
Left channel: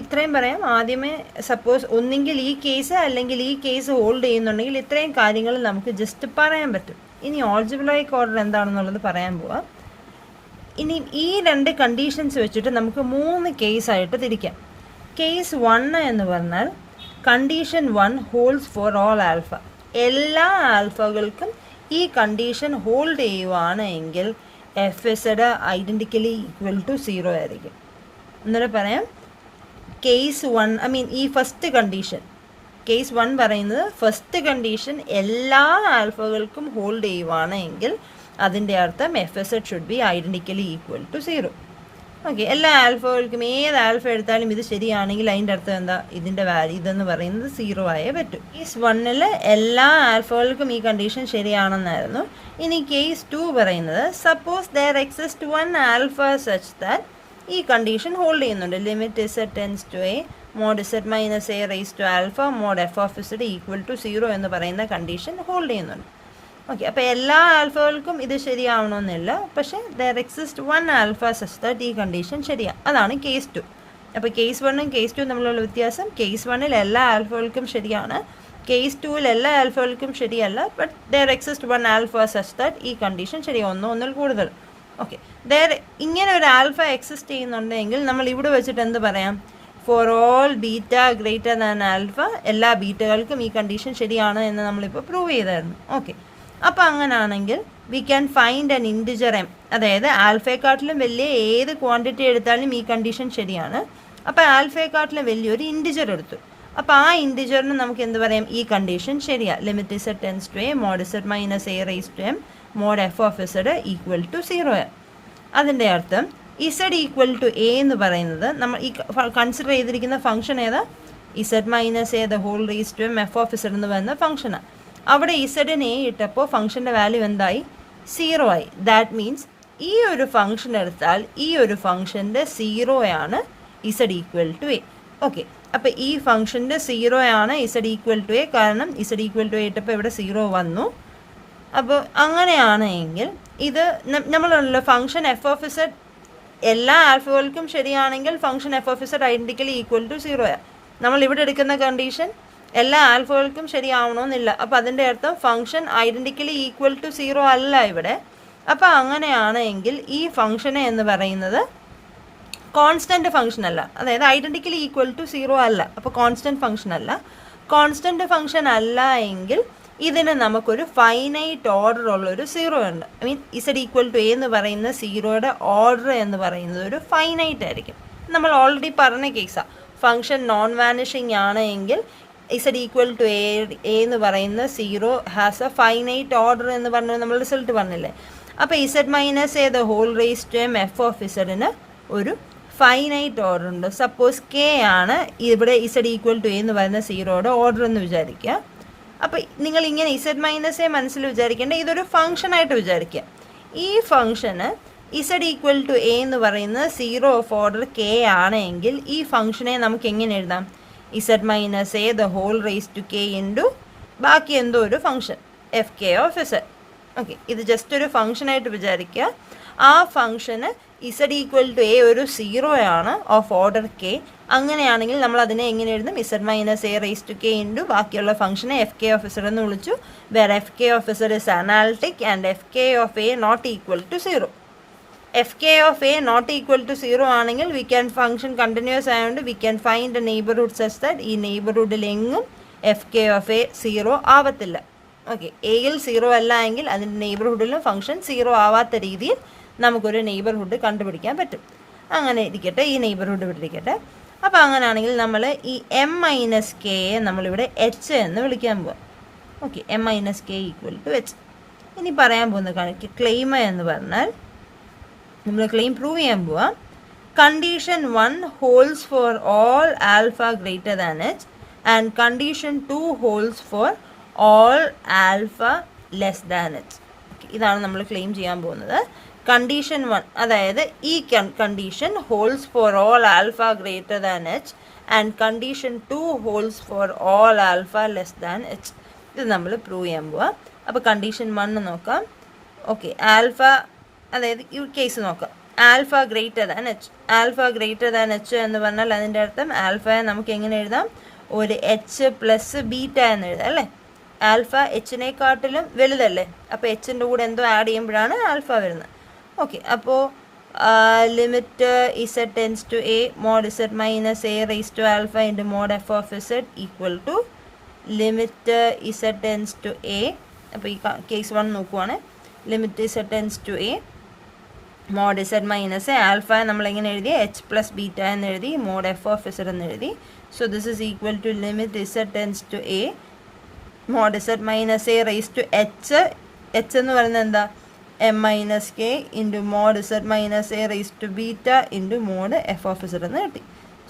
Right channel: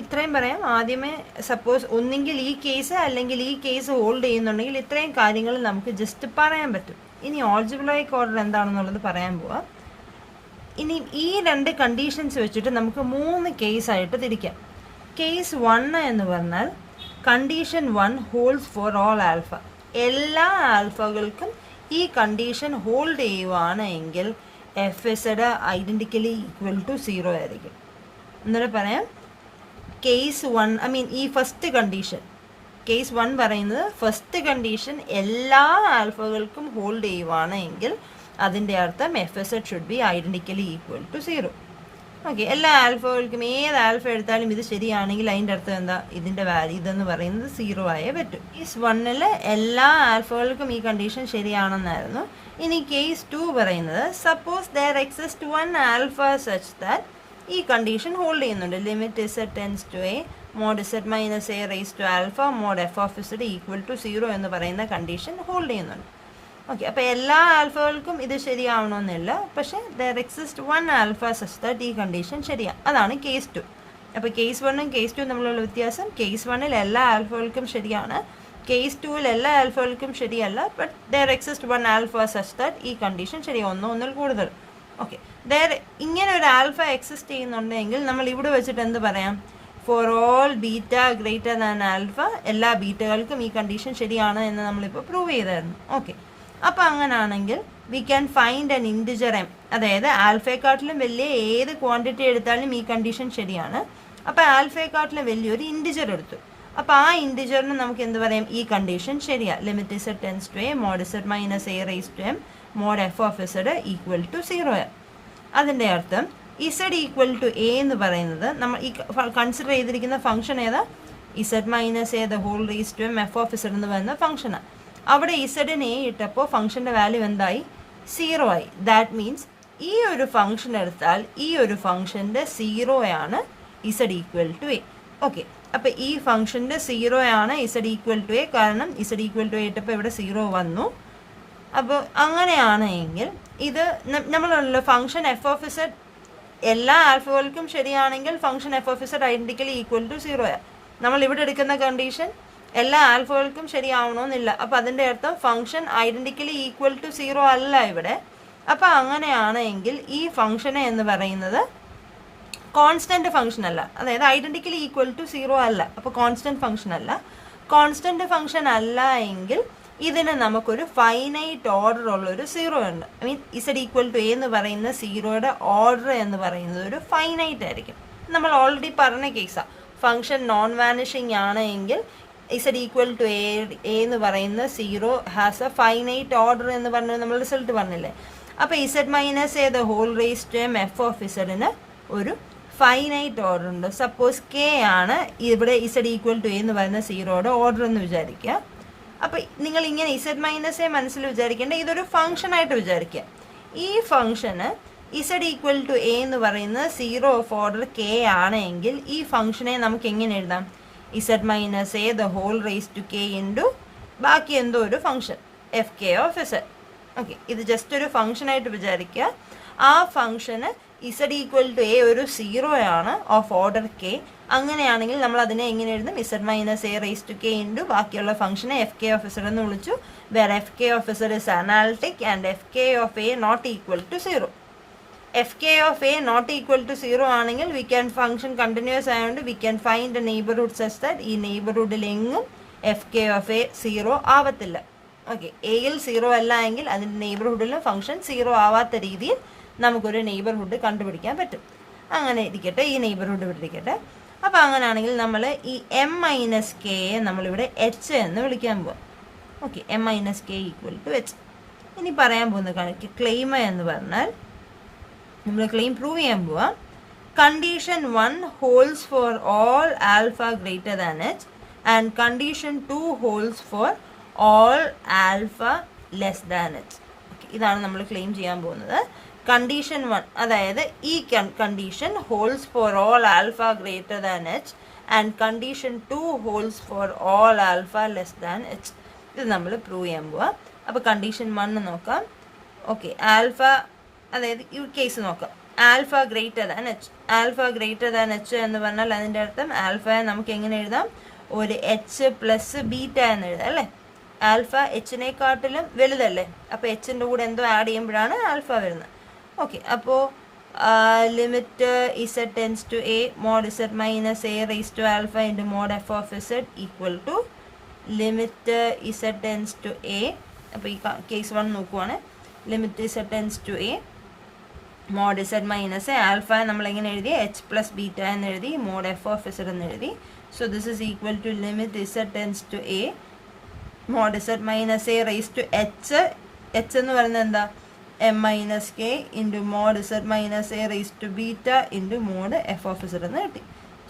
ഇത്രയും പറയാം. ആദ്യമേ സപ്പോസ് ഒന്നെങ്കിൽ ഈ കേസ് അല്ലെങ്കിൽ ഈ കേസ് ഹോൾഡ് ചെയ്യുന്നുണ്ടെങ്കിൽ ഇത്രയും കാര്യങ്ങൾ നമുക്ക് ജസ്റ്റ് പറയാൻ പറ്റും. ഇനി ഓൾജിബ്രായിക് ഓർഡർ എന്താണെന്നുള്ളത് പറയാൻ പോവാം. ഇനി ഈ രണ്ട് കണ്ടീഷൻസ് വെച്ചിട്ട് നമുക്ക് 3 കേസായിട്ട് തിരിക്കാം. കേസ് 1 എന്ന് പറഞ്ഞാൽ condition 1 holds four all alpha. എല്ലാ ആൽഫകൾക്കും ഈ കണ്ടീഷൻ ഹോൾഡ് ചെയ്യുവാണ് എങ്കിൽ F Z identically equal to 0 ആയിരിക്കും. എന്നിട്ട് പറയാം കേസ് 1 ഈ ഫസ്റ്റ് കണ്ടീഷൻ, കേസ് 1 പറയുന്നത് ഫസ്റ്റ് കണ്ടീഷൻ എല്ലാ ആൽഫകൾക്കും ഹോൾഡ് ചെയ്യുവാണ് എങ്കിൽ അതിൻ്റെ അർത്ഥം F Z should be identically equal to 0. Okay, എല്ലാ ആൽഫകൾക്കും ഏത് ആൽഫ എടുത്താലും ഇത് ശരിയാണെങ്കിൽ അതിൻ്റെ അർത്ഥം എന്താ? ഇതിൻ്റെ വാല്യൂ ഇതെന്ന് പറയുന്നത് 0 ആയേ പറ്റും. കേസ് 1 എല്ലാ ആൽഫകൾക്കും ഈ കണ്ടീഷൻ ശരിയാണെന്നായിരുന്നു. ഇനി കേസ് 2 പറയുന്നത് suppose there exist 1 alpha such that ഈ കണ്ടീഷൻ ഹോൾഡ് ചെയ്യുന്നുണ്ട്. Limit z tends to A mod z minus A raise to alpha mod F of z equal to 0 എന്ന് പറയുന്ന കണ്ടീഷൻ ഹോൾഡ് ചെയ്യുന്നുണ്ട്. Okay, അപ്പോൾ എല്ലാ ആൽഫകൾക്കും ഇത് ശരിയാവണമെന്നില്ല. പക്ഷേ there exist 1 alpha such that ഈ കണ്ടീഷൻ ശരിയാണ്. അതാണ് കേസ് 2. അപ്പോൾ കേസ് 1ഉം കേസ് 2 തമ്മിലുള്ള വ്യത്യാസം, കേസ് 1 എല്ലാ ആൽഫകൾക്കും ശരിയാണ്, കേസ് 2 എല്ലാ ആൽഫകൾക്കും ശരിയല്ല. But there exist 1 alpha such that ഈ കണ്ടീഷൻ ശരിയാണ്, ഒന്നിൽ കൂടുതൽ. ഓക്കെ, ഇങ്ങനെ ഒരു ആൽഫ എക്സിസ്റ്റ് ചെയ്യുന്നുണ്ടെങ്കിൽ നമ്മൾ ഇവിടെ വെച്ചിട്ട് എന്ത് പറയാം? For all beta greater than alpha, എല്ലാ ബീറ്റകൾക്കും ഈ കണ്ടീഷൻ ശരിയാണ് എന്ന് നമ്മളിപ്പോൾ പ്രൂവ് ചെയ്തായിരുന്നു. ഓക്കെ, അപ്പോൾ അങ്ങനെയാണെങ്കിൽ V can find an integer M. അതായത് ആൽഫയെക്കാട്ടിലും വലിയ ഏത് ക്വാണ്ടിറ്റി എടുത്താലും ഈ കണ്ടീഷൻ ശരിയാണ്. അപ്പോൾ ആൽഫയെക്കാട്ടിലും വലിയൊരു ഇൻറ്റിജർ എടുത്തു. അപ്പോൾ ആ ഇൻറ്റിജറിന് നമുക്ക് എന്ത് പറയാം? ഈ കണ്ടീഷൻ ശരിയാണ്. Limit z tends to A mod z minus A raise to m mod F of z equal to 0. അതിൻ്റെ അർത്ഥം z ഈക്വൽ ടു എ എന്ന് പറയുന്നത് നമ്മൾ ഈ കൺസിഡർ ചെയ്തിരിക്കുന്ന ഫംഗ്ഷൻ ഏതാ? z minus A the whole raise to M F of z എന്ന് പറയുന്ന ഫംഗ്ഷനാണ്. അവിടെ ഇസഡിന് എ ഇട്ടപ്പോൾ ഫംഗ്ഷൻ്റെ വാല്യൂ എന്തായി? 0 ആയി. ദാറ്റ് മീൻസ് ഈ ഒരു ഫംഗ്ഷൻ എടുത്താൽ ഈ ഒരു ഫംഗ്ഷൻ്റെ 0 ആണ് Z equal to A. Okay, അപ്പോൾ ഈ ഫംഗ്ഷൻ്റെ 0 ആണ് ഇസഡ് ഈക്വൽ ടു എ. കാരണം ഇസഡ് ഈക്വൽ ടു എ ഇട്ടപ്പോൾ ഇവിടെ 0 വന്നു. അപ്പോൾ അങ്ങനെയാണ് എങ്കിൽ ഇത് നമ്മളുള്ള ഫംഗ്ഷൻ എഫ് ഓഫ് ഇസഡ് എല്ലാ ആൽഫകൾക്കും ശരിയാണെങ്കിൽ function F of Z identically equal to 0 ആണ്. നമ്മൾ ഇവിടെ എടുക്കുന്ന കണ്ടീഷൻ എല്ലാ ആൽഫകൾക്കും ശരിയാവണമെന്നില്ല. അപ്പോൾ അതിൻ്റെ അർത്ഥം ഫംഗ്ഷൻ ഐഡൻറ്റിക്കലി ഈക്വൽ ടു 0 അല്ല ഇവിടെ. അപ്പോൾ അങ്ങനെയാണ് എങ്കിൽ ഈ ഫംഗ്ഷനെ എന്ന് പറയുന്നത് കോൺസ്റ്റൻറ്റ് ഫംഗ്ഷൻ അല്ല, അതായത് ഐഡൻറ്റിക്കലി ഈക്വൽ ടു 0 അല്ല. അപ്പോൾ കോൺസ്റ്റൻറ്റ് ഫംഗ്ഷൻ അല്ല. കോൺസ്റ്റൻറ്റ് ഫംഗ്ഷൻ അല്ല എങ്കിൽ ഇതിന് നമുക്കൊരു ഫൈനൈറ്റ് ഓർഡർ ഉള്ളൊരു 0 ഉണ്ട്. ഇസഡ് ഈക്വൽ ടു എ എന്ന് പറയുന്ന 0യുടെ ഓർഡർ എന്ന് പറയുന്നത് ഒരു ഫൈനൈറ്റ് ആയിരിക്കും. നമ്മൾ ഓൾറെഡി പറഞ്ഞ കേസാണ്. ഫംഗ്ഷൻ നോൺ വാനിഷിങ് ആണ് എങ്കിൽ ഇസഡ് ഈക്വൽ ടു എ എന്ന് പറയുന്ന 0 ഹാസ് എ ഫൈനൈറ്റ് ഓർഡർ എന്ന് പറഞ്ഞ് നമ്മൾ റിസൾട്ട് പറഞ്ഞില്ലേ. അപ്പോൾ Z minus A the whole raise to M F of ഇസഡിന് ഒരു ഫൈനൈറ്റ് ഓർഡർ ഉണ്ട്. സപ്പോസ് കെ ആണ് ഇവിടെ ഇസഡ് ഈക്വൽ ടു എ എന്ന് പറയുന്ന 0യുടെ ഓർഡർ എന്ന് വിചാരിക്കുക. അപ്പോൾ നിങ്ങൾ ഇങ്ങനെ ഇസഡ് മൈനസ് എ മനസ്സിൽ വിചാരിക്കേണ്ട ഇതൊരു ഫംഗ്ഷനായിട്ട് വിചാരിക്കുക. ഈ ഫംഗ്ഷന് ഇസഡ് ഈക്വൽ ടു എ എന്ന് പറയുന്നത് 0 ഓഫ് ഓർഡർ കെ ആണെങ്കിൽ ഈ ഫംഗ്ഷനെ നമുക്ക് എങ്ങനെ എഴുതാം? Z minus A the whole raise to K into ബാക്കി എന്തോ ഒരു function f K of z. Okay, ഇത് ജസ്റ്റ് ഒരു ഫംഗ്ഷനായിട്ട് വിചാരിക്കുക. ആ ഫംഗ്ഷന് ഇസഡ് ഈക്വൽ ടു എ ഒരു 0 ആണ് ഓഫ് ഓർഡർ കെ. അങ്ങനെയാണെങ്കിൽ നമ്മൾ അതിനെ എങ്ങനെ എഴുതും? Z minus A raise to K into ബാക്കിയുള്ള ഫംഗ്ഷനെ എഫ് കെ ഓഫ് ഇസഡ് എന്ന് വിളിച്ചു. Where f K of z is analytic and f K of A not equal to 0. F K of A not equal to 0 ആണെങ്കിൽ we can function continuous ആയതുകൊണ്ട് we can find a neighbourhood such that ഈ നെയ്ബർഹുഡിൽ എങ്ങും F K of A 0 ആവത്തില്ല. Okay, എയിൽ 0 അല്ല എങ്കിൽ അതിൻ്റെ നെയ്ബർഹുഡിലും ഫംഗ്ഷൻ 0 ആവാത്ത രീതിയിൽ നമുക്കൊരു നെയ്ബർഹുഡ് കണ്ടുപിടിക്കാൻ പറ്റും. അങ്ങനെ ഇരിക്കട്ടെ, ഈ നെയ്ബർഹുഡ് വിട്ടിരിക്കട്ടെ. അപ്പോൾ അങ്ങനെയാണെങ്കിൽ നമ്മൾ ഈ എം മൈനസ് കെയെ നമ്മളിവിടെ എച്ച് എന്ന് വിളിക്കാൻ പോവാം. Okay, m minus k equal to h. ഇനി പറയാൻ പോകുന്ന കണക്ക് ക്ലെയിം എന്ന് പറഞ്ഞാൽ നമ്മൾ ക്ലെയിം പ്രൂവ് ചെയ്യാൻ പോവാം. Condition 1 holds for all alpha greater than h and condition 2 holds for all alpha less than h. ഇതാണ് നമ്മൾ ക്ലെയിം ചെയ്യാൻ പോകുന്നത്. കണ്ടീഷൻ 1, അതായത് ഈ condition holds for all alpha greater than h and condition 2 holds for all alpha less than h. ഇത് നമ്മൾ prove ചെയ്യാൻ പോവാം. അപ്പോൾ കണ്ടീഷൻ 1 നോക്കാം. ഓക്കെ, ആൽഫ, അതായത് ഈ കേസ് നോക്കാം. Alpha greater than H. Alpha greater than H എന്ന് പറഞ്ഞാൽ അതിൻ്റെ അർത്ഥം ആൽഫയെ നമുക്ക് എങ്ങനെ എഴുതാം? ഒരു എച്ച് പ്ലസ് ബീറ്റ എന്ന് എഴുതാം അല്ലേ? ആൽഫ എച്ചിനെക്കാട്ടിലും വലുതല്ലേ? അപ്പോൾ എച്ചിൻ്റെ കൂടെ എന്തോ ആഡ് ചെയ്യുമ്പോഴാണ് ആൽഫ വരുന്നത്. ഓക്കെ, അപ്പോൾ limit Z tends to A mod Z minus A raise to alpha into mod F of Z equal to limit Z tends to a. അപ്പോൾ ഈ കേസ് 1 നോക്കുവാണ്. Limit Z tends to A mod Z minus a alpha നമ്മൾ എങ്ങനെ എഴുതി? H plus beta എന്ന് എഴുതി. Mode F of Z എന്ന് എഴുതി. So this is equal to limit Z tends to A mod Z minus A raise to H. H എന്ന് പറയുന്നത് എന്താ? M minus K into mod Z minus A raise to beta into mod F of Z എന്ന് കിട്ടി.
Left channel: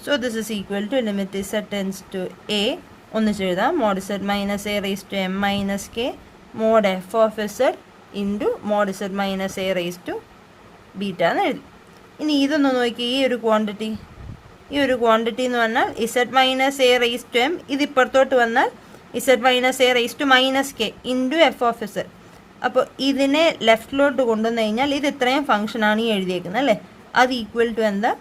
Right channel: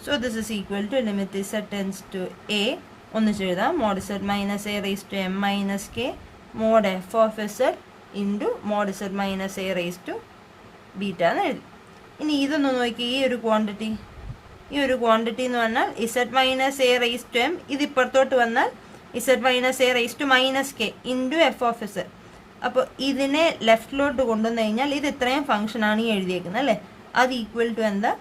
So this is equal to limit Z tends to A ഒന്നിച്ചെഴുതാം. Mod Z minus A raise to M minus K mod F of Z into mod Z minus A raise to beta എന്ന് എഴുതി. ഇനി ഇതൊന്ന് നോക്കി, ഈ ഒരു quantity എന്ന് പറഞ്ഞാൽ z minus A raise to m. ഇത് ഇപ്പുറത്തോട്ട് വന്നാൽ z minus A raise to minus K into f of Z. അപ്പോൾ ഇതിനെ ലെഫ്റ്റിലോട്ട് കൊണ്ടുവന്നു കഴിഞ്ഞാൽ ഇത് ഇത്രയും ഫംഗ്ഷനാണ് ഈ എഴുതിയേക്കുന്നത് അല്ലേ? അത് ഈക്വൽ ടു എന്താ?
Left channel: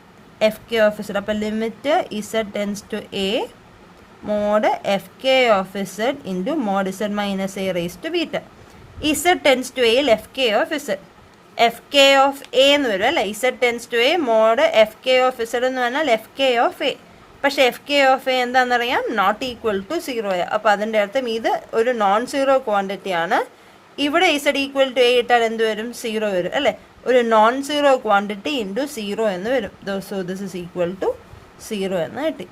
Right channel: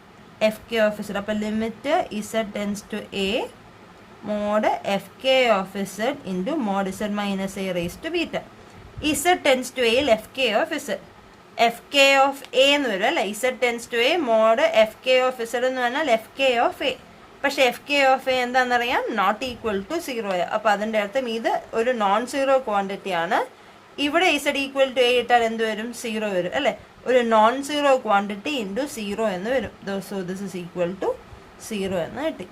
F K of Z. അപ്പോൾ limit Z tends to A mod F K of Z into mod Z minus A raise to beta. Z tends to എയിൽ F K of Z, F K of A എന്ന് വരും അല്ലേ? Z tends to A mod F K of Z എന്ന് പറഞ്ഞാൽ F K of A. പക്ഷേ F K of A എന്താണെന്നറിയാം? Not equal to 0. അപ്പോൾ അതിൻ്റെ അർത്ഥം ഇത് ഒരു നോൺ സീറോ ക്വാണ്ടിറ്റി ആണ്. ഇവിടെ ഇസഡ് ഈക്വൽ ടു എ ഇട്ടാൽ എന്ത് വരും? 0 വരും അല്ലേ? ഒരു നോൺ സീറോ ക്വാണ്ടിറ്റി ഇൻറ്റു 0 എന്ന് വരും. So this is equal to 0 എന്ന് കിട്ടി.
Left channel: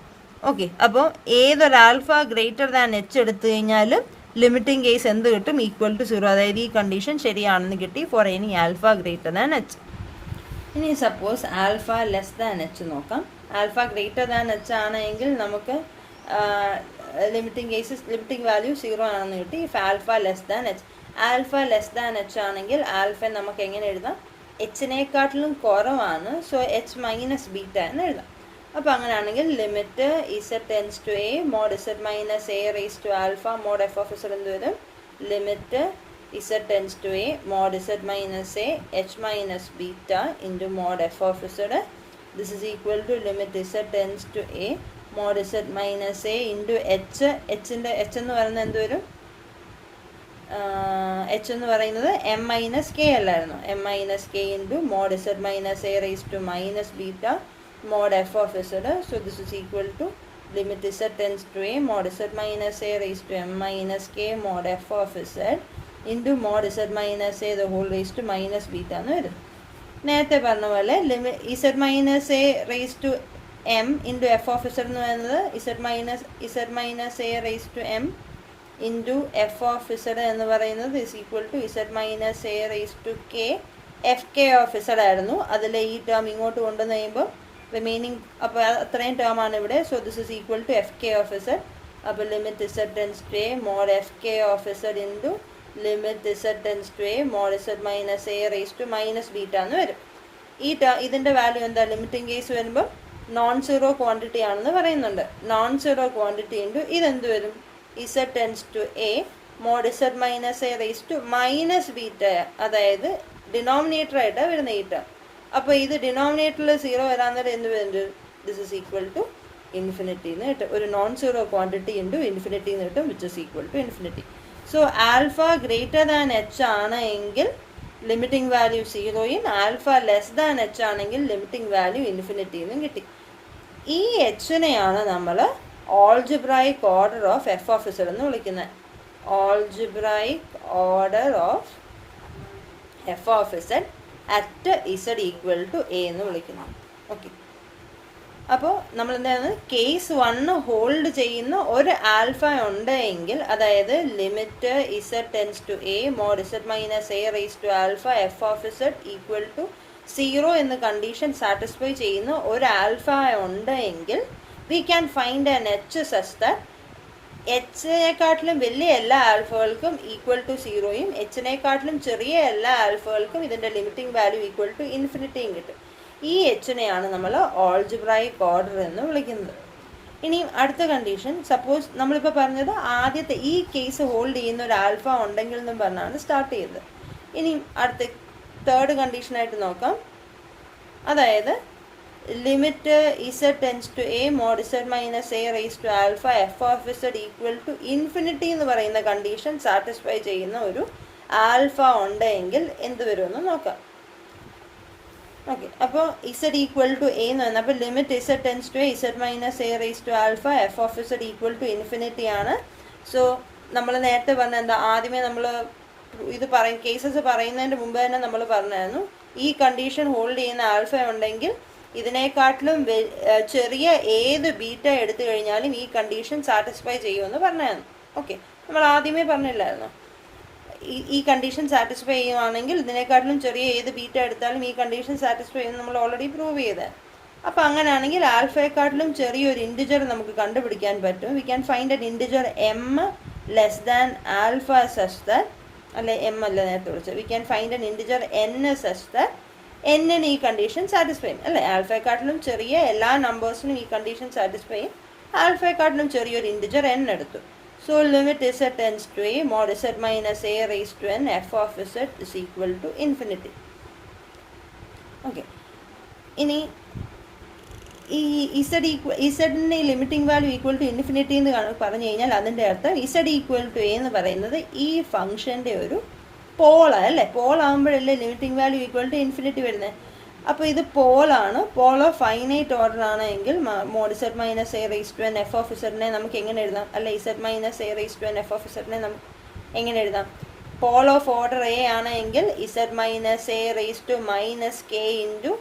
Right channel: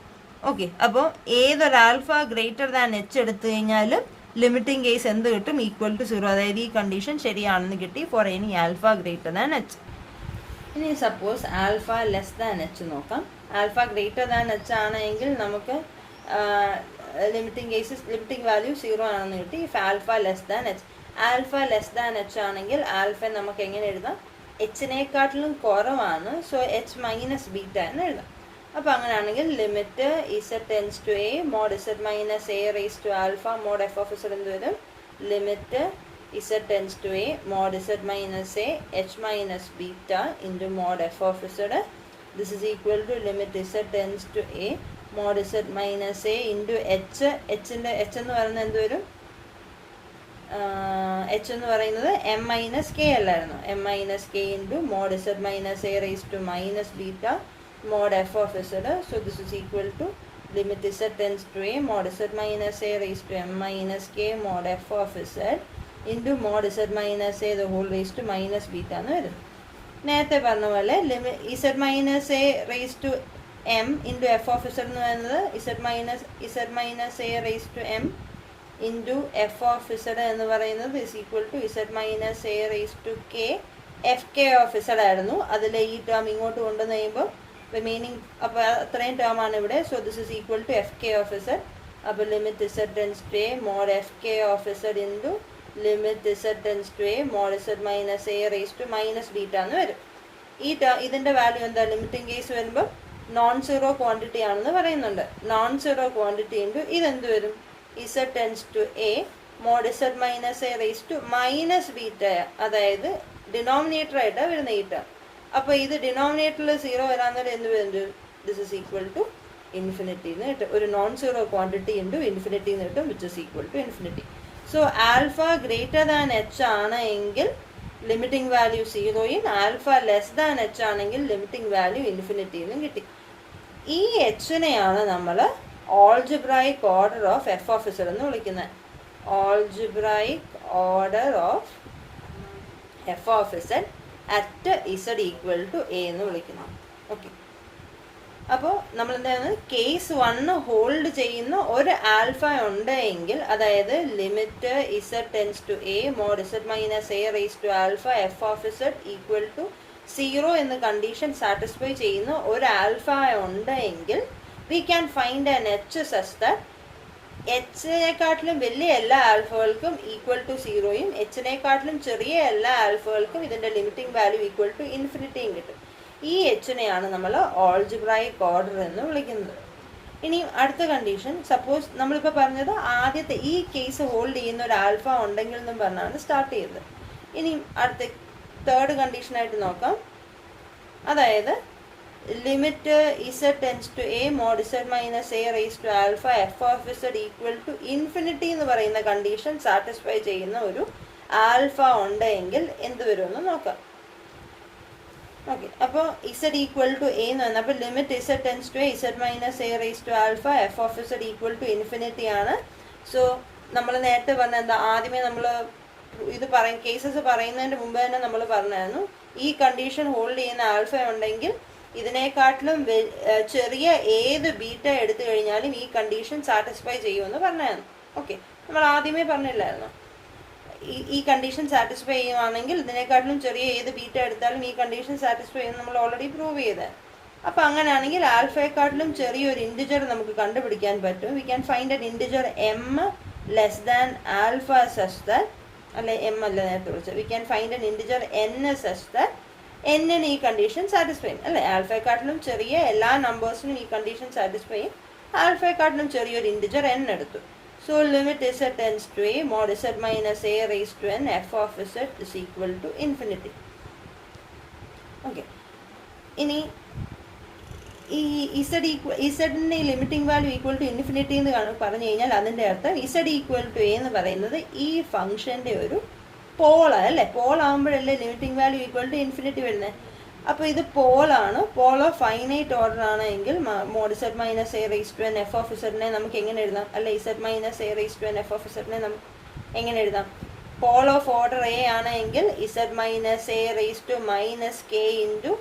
ഓക്കെ, അപ്പോൾ ഏതൊരു ആൽഫ ഗ്രേറ്റർ ദാൻ എച്ച് എടുത്തു കഴിഞ്ഞാലും ലിമിറ്റിംഗ് കേസ് എന്ത് കിട്ടും? Equal to 0. അതായത് ഈ കണ്ടീഷൻ ശരിയാണെന്ന് കിട്ടി for any alpha greater than H. ഇനി suppose alpha less than H നോക്കാം. ആൽഫ ഗ്രേറ്റർ ദാൻ എച്ച് ആണെങ്കിൽ നമുക്ക് ലിമിറ്റിംഗ് വാല്യൂ 0 ആണെന്ന് കിട്ടി. If alpha less than H, alpha less than H ആണെങ്കിൽ ആൽഫ നമുക്ക് എങ്ങനെ എഴുതാം? എച്ചിനെക്കാട്ടിലും കുറവാണ്. സോ എച്ച് മൈനസ് ബീറ്റ എന്ന് എഴുതാം. അപ്പോൾ അങ്ങനെയാണെങ്കിൽ limit Z tends to A mod Z minus A raise to alpha mod F of Z എന്ത് വരും? Limit Z tends to A mod Z minus a h minus beta into mod F of z. This is equal to limit Z tends to A mod Z minus a into h. H എന്ന് പറയുന്നത് എന്ത് വരും? H എന്ന് പറയുന്നത് m minus k അല്ലായിരുന്നു? M minus K into mod Z minus A raise to minus beta mod f of z. So this is equal to limit z tends to a mod z minus a raised to m minus k mod f of z into mod z minus a the whole raised to minus beta എന്ന് വരും. നേരത്തെ പറഞ്ഞ പോലെ z minus a raised to m into f of z എന്ന് പറയുന്നത് z minus a raised to m into f of z എന്ന് പറയുന്നത് is equal to z minus a raised to k F K of Z ആയിരുന്നു. അതിൽ ഈ term ഇങ്ങോട്ട് കൊണ്ടുവന്ന് കഴിയുമ്പോൾ റിമൈനിങ് അപ്പോൾ അത്രയും ടേമാണ് ഇവിടെ. So this is equal to F K of Z. അപ്പോൾ limit Z tends to A mod F K of Z into limit Z tends to A mod Z minus A raise to minus beta എന്ന് വരും. ഇതിന്റെ value എന്താ? Limiting case വരുമ്പോൾ non zero quantity ആണെന്ന് പറയുന്നുണ്ട്. Non zero quantity into ഇതെന്ത് വരും? Z tends to A mod Z minus A raise to minus beta, അതായത് ഡിനോമിനേറ്റർ ആയിട്ടാണ് വരുന്ന ഈ ടേം. അപ്പോൾ ഇത് ഡിനോമിനേറ്ററിൽ സീറോ വരാന്നേരം എന്ത് വരുന്നത്? This is equal to infinity എന്ന് കിട്ടും. ഒരു non zero quantity into infinity എന്ന് കിട്ടും, which is equal to infinity. So alpha greater than H ആണ് എങ്കിൽ ലിമിറ്റിംഗ് വാല്യൂ സീറോയും, ആൽഫ ലെസ് ദാൻ എച്ച് ആണെങ്കിൽ ലിമിറ്റിംഗ് വാല്യൂ ഇൻഫിനിറ്റിന്നും കിട്ടി. ഈ എച്ചിനെയാണ് നമ്മൾ algebraic order of F of Z എന്ന് വിളിക്കുന്നത്. Algebraic order of F of Z at Z equal to A എന്ന് വിളിക്കുന്നു. ഓക്കെ, അപ്പോൾ നമ്മൾ എന്താണ്, കേസ് 1 ഹോൾഡ് ചെയ്യുന്ന ഒരു ആൽഫ ഉണ്ട് എങ്കിൽ, അതായത് limit Z tends to A mod Z minus A raise to alpha F of Z equal to 0 എന്ന കണ്ടീഷൻ സാറ്റിസ്ഫൈ ചെയ്യുന്ന ഒരു ആൽഫ ഉണ്ട് എങ്കിൽ we can find an H such that എച്ചിനെക്കാട്ടിലും വലിയ എല്ലാ ആൽഫകൾക്കും ഈക്വൽ ടു 0യും എച്ചിനെക്കാട്ടിലും ചെറിയ എല്ലാ ആൽഫകൾക്കും ഇതിന്റെ ലിമിറ്റിംഗ് വാല്യൂ ഈക്വൽ ടു ഇൻഫിനിറ്റിയും കിട്ടും. ഈ എച്ചിനെയാണ് നമ്മൾ ഓൾജിബ്രൈക് ഓർഡർ എന്ന് വിളിക്കുന്നത്. ഇനിയും അടുത്ത കണ്ടീഷൻ, സപ്പോസ് നമ്മളിപ്പോൾ പറഞ്ഞത് ആദ്യത്തെ ഈ കേസ് ഹോൾഡ് ചെയ്യുന്ന ഒരു ആൽഫ ഉണ്ടെങ്കിൽ എന്നും പറഞ്ഞാണ് സ്റ്റാർട്ട് ചെയ്തത്. ഇനി അടുത്ത തേർഡ് കണ്ടീഷനായിട്ട് നോക്കാം. അതായത് limit Z tends to A mod Z minus A raise to alpha F of Z equal to infinity എന്ന് പറയുന്ന കണ്ടീഷൻ സാറ്റിസ്ഫൈ ചെയ്യുന്ന ഒരു ആൽഫ ഉണ്ടെങ്കിൽ എന്ത് വരുമെന്ന് നോക്കാം. ഓക്കെ, അപ്പോൾ ഇസഡ് ഈക്വൽ ടു എ എന്ന് പറഞ്ഞാൽ അപ്പോൾ limit Z tends to a z minus A raise to alpha F of Z equal to infinity ആണ്. സോ നമ്മൾ നേരത്തെ പറഞ്ഞ എന്താ, ആദ്യമേ നമ്മൾ ഇത് കേസസ് പറയുന്നതിന് മുമ്പ് തന്നെ നമ്മൾ പറഞ്ഞായിരുന്നു, ഈ കണ്ടീഷൻ ഹോൾഡ് ചെയ്യുന്ന ആൽഫ ഉണ്ടെങ്കിൽ ഇതിനെക്കാട്ടിലും ചെറിയ ഏത് ബീറ്റ എടുത്തു കഴിഞ്ഞാലും ഈ കണ്ടീഷൻ സാറ്റിസ്ഫൈ ചെയ്യുമെന്ന് പറഞ്ഞായിരുന്നു. ഓക്കെ, നമ്മൾ ആദ്യമേ പറഞ്ഞില്ലായിരുന്നു, ഈ കണ്ടീഷൻ സാറ്റിസ്ഫൈ ചെയ്യുകയാണെങ്കിൽ ഇതിനെക്കാട്ടിലും ചെറിയ ഏത് ബീറ്റ എടുത്താലും ഈ കണ്ടീഷൻ സാറ്റിസ്ഫൈ ചെയ്യുമെന്ന് നമ്മൾ ഓൾറെഡി പ്രൂവ് ചെയ്തത്. അപ്പം അങ്ങനെയാണെങ്കിൽ ആൽഫയെക്കാട്ടിലും ചെറിയൊരു ഇൻറ്റിജർ നമുക്ക് കണ്ടുപിടിക്കാൻ പറ്റും. We can find an integer M less than alpha such that, അല്ലെ എം അല്ല നേരത്തെ വിളിച്ചത്, we can find an integer N such that എന്നിന് ഈ കണ്ടീഷൻ സാറ്റിസ്ഫൈ ചെയ്യും. അല്ലെ, ആൽഫയെക്കാട്ടിലും ചെറിയ എല്ലാ നമ്പേഴ്സിനും ഈ കണ്ടീഷൻ സാറ്റിസ്ഫൈ ചെയ്യും. ആൽഫയെക്കാട്ടിലും ചെറിയൊരു ഇൻറ്റിജർ എൻ എടുത്തു. So limit z tends to a mod z minus a raised to n f of z is equal to infinity. Okay. ഇനി ഈ ഇസഡിന്റെ limiting value equal to infinity എന്ന് പറഞ്ഞു കഴിഞ്ഞാൽ അതിൻ്റെ അർത്ഥം ഇസഡ് ഈക്വൽ ടു എ എന്ന് പറയുന്നത് ഈ ഫംഗ്ഷന്റെ ഒരു പോളാണ്, അല്ലേ? പോളാകുമ്പോഴല്ലേ limiting value equal to infinity വരുന്നത്. അപ്പോൾ ഇത് പോളാണ്. പോൾ ഓഫ് ഫൈനൈറ്റ് ഓർഡർ ആണ് എങ്കിൽ mod Z minus A raise to n f of ഇസഡിനെ നമുക്ക് എങ്ങനെ എഴുതാം? അല്ലെ, z minus A raise to n f of ഇസഡിനെ നമുക്ക് എങ്ങനെ എഴുതാം? പോൾ ഓഫ് ഓർഡർ എ ആണ് എങ്കിൽ z minus A raise to minus K into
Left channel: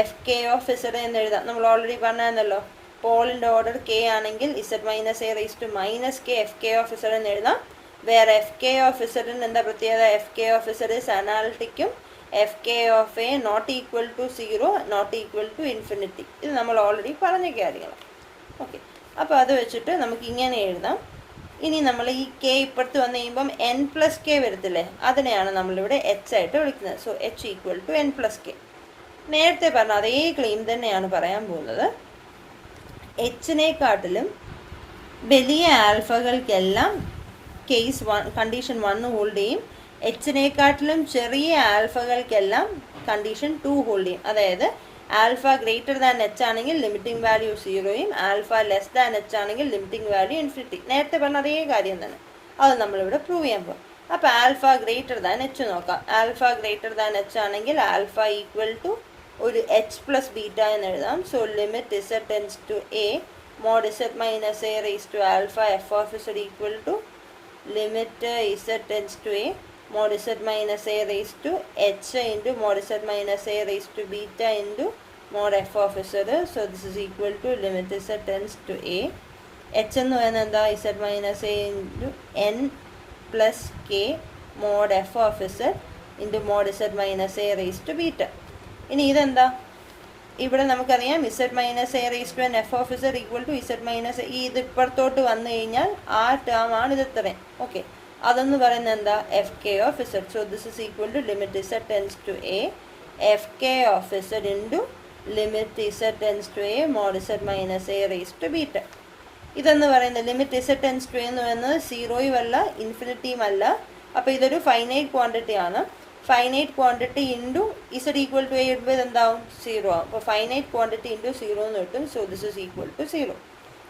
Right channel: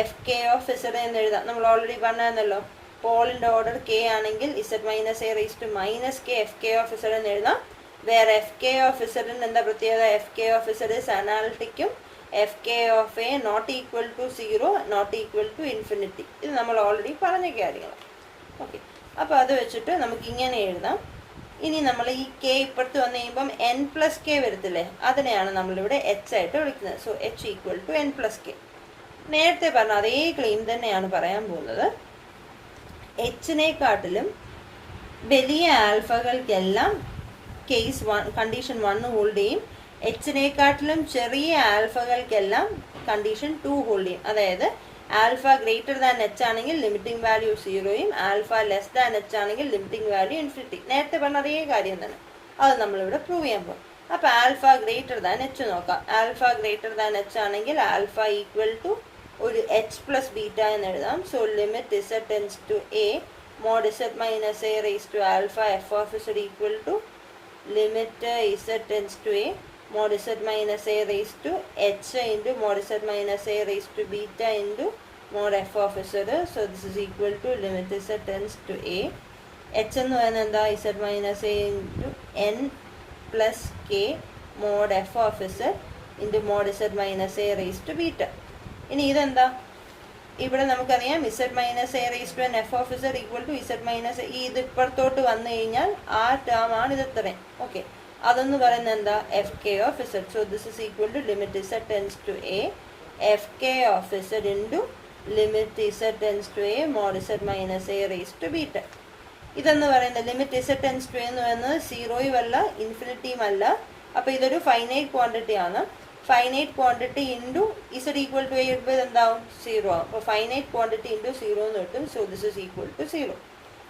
f K of Z എന്ന് എഴുതാം. നമ്മൾ ഓൾറെഡി പറഞ്ഞല്ലോ, പോളിൻ്റെ ഓർഡർ കെ ആണെങ്കിൽ z minus A raise to minus k f K of Z എന്ന് എഴുതാം. വേറെ എഫ് കെ ഓഫ് ഇസഡിന് എന്താ പ്രത്യേകത? F K of z is അനാലിറ്റിക്കും f K of A not equal to 0 not equal to infinity. ഇത് നമ്മൾ ഓൾറെഡി പറഞ്ഞ കാര്യമാണ്. ഓക്കെ, അപ്പോൾ അത് വെച്ചിട്ട് നമുക്ക് ഇങ്ങനെ എഴുതാം. ഇനി നമ്മൾ ഈ കെ ഇപ്പുറത്ത് വന്നു കഴിയുമ്പം എൻ പ്ലസ് കെ വരത്തില്ലേ, അതിനെയാണ് നമ്മളിവിടെ എച്ച് ആയിട്ട് വിളിക്കുന്നത്. So h equal to n plus k. നേരത്തെ പറഞ്ഞ അതേ ക്ലെയിം തന്നെയാണ് പറയാൻ പോകുന്നത്. എച്ചിനെക്കാട്ടിലും വലിയ ആൽഫകൾക്കെല്ലാം കേസ് 1 കണ്ടീഷൻ 1 ഹോൾഡ് ചെയ്യും. എച്ചിനെക്കാട്ടിലും ചെറിയ ആൽഫകൾക്കെല്ലാം കണ്ടീഷൻ 2 ഹോൾഡ് ചെയ്യും. അതായത് ആൽഫ ഗ്രേറ്റർ ദാൻ എച്ച് ആണെങ്കിൽ ലിമിറ്റിംഗ് വാല്യൂ 0യും ആൽഫ ലെസ് ദാൻ എച്ച് ആണെങ്കിൽ ലിമിറ്റിംഗ് വാല്യൂ ഇൻഫിനിറ്റി. നേരത്തെ പറഞ്ഞ അതേ കാര്യം തന്നെ, അത് നമ്മളിവിടെ പ്രൂവ് ചെയ്യാൻ പോകും. അപ്പോൾ ആൽഫ ഗ്രേറ്റർ ദാൻ എച്ച് നോക്കാം. ആൽഫ ഗ്രേറ്റർ ദാൻ എച്ച് ആണെങ്കിൽ ആൽഫ ഈക്വൽ ടു ഒരു എച്ച് പ്ലസ് ബീറ്റ എന്ന് എഴുതാം. So limit Z tends to A mod Z minus A raise to alpha F of Z equal to limit Z tends to a mod z minus a raised to h into mod z minus a raised to beta into mod f of z. So this is equal to limit z tends to a. h എന്ന് പറയുന്നത് എന്താ? z minus a into n plus k mod f of z into mod z minus a raised to beta. ഇനി ഇതെന്താ? ഇവിടെ നമുക്കറിയാം z minus A raise to n f of z equal to z minus ഈ ഇത് ഇപ്പുറത്തോട്ട് വന്നു കഴിഞ്ഞാൽ ആ term ആണ് ഇത് ഇത്രയും. ഓക്കെ, അതെന്ന് പറയുന്നത് എന്താ? F K of z. So this is equal to limit Z tends to a fk of z into limit z tends to a mod z minus a raised to beta. ഇതെന്ന് പറയുന്നത് limit z tends to എന്ന് പറയുന്നത് സീറോയും അല്ല ഇൻഫിനിറ്റിയും അല്ല. അപ്പോൾ ഇതൊരു finite quantity ആണ്. Finite quantity into z equal to a ഇടുമ്പോൾ എന്താവും 0 ആവും. അപ്പോൾ ഫൈനൈറ്റ് ക്വാണ്ടിറ്റി ഇൻറ്റു 0 എന്ന് കിട്ടും. So this is equal to 0.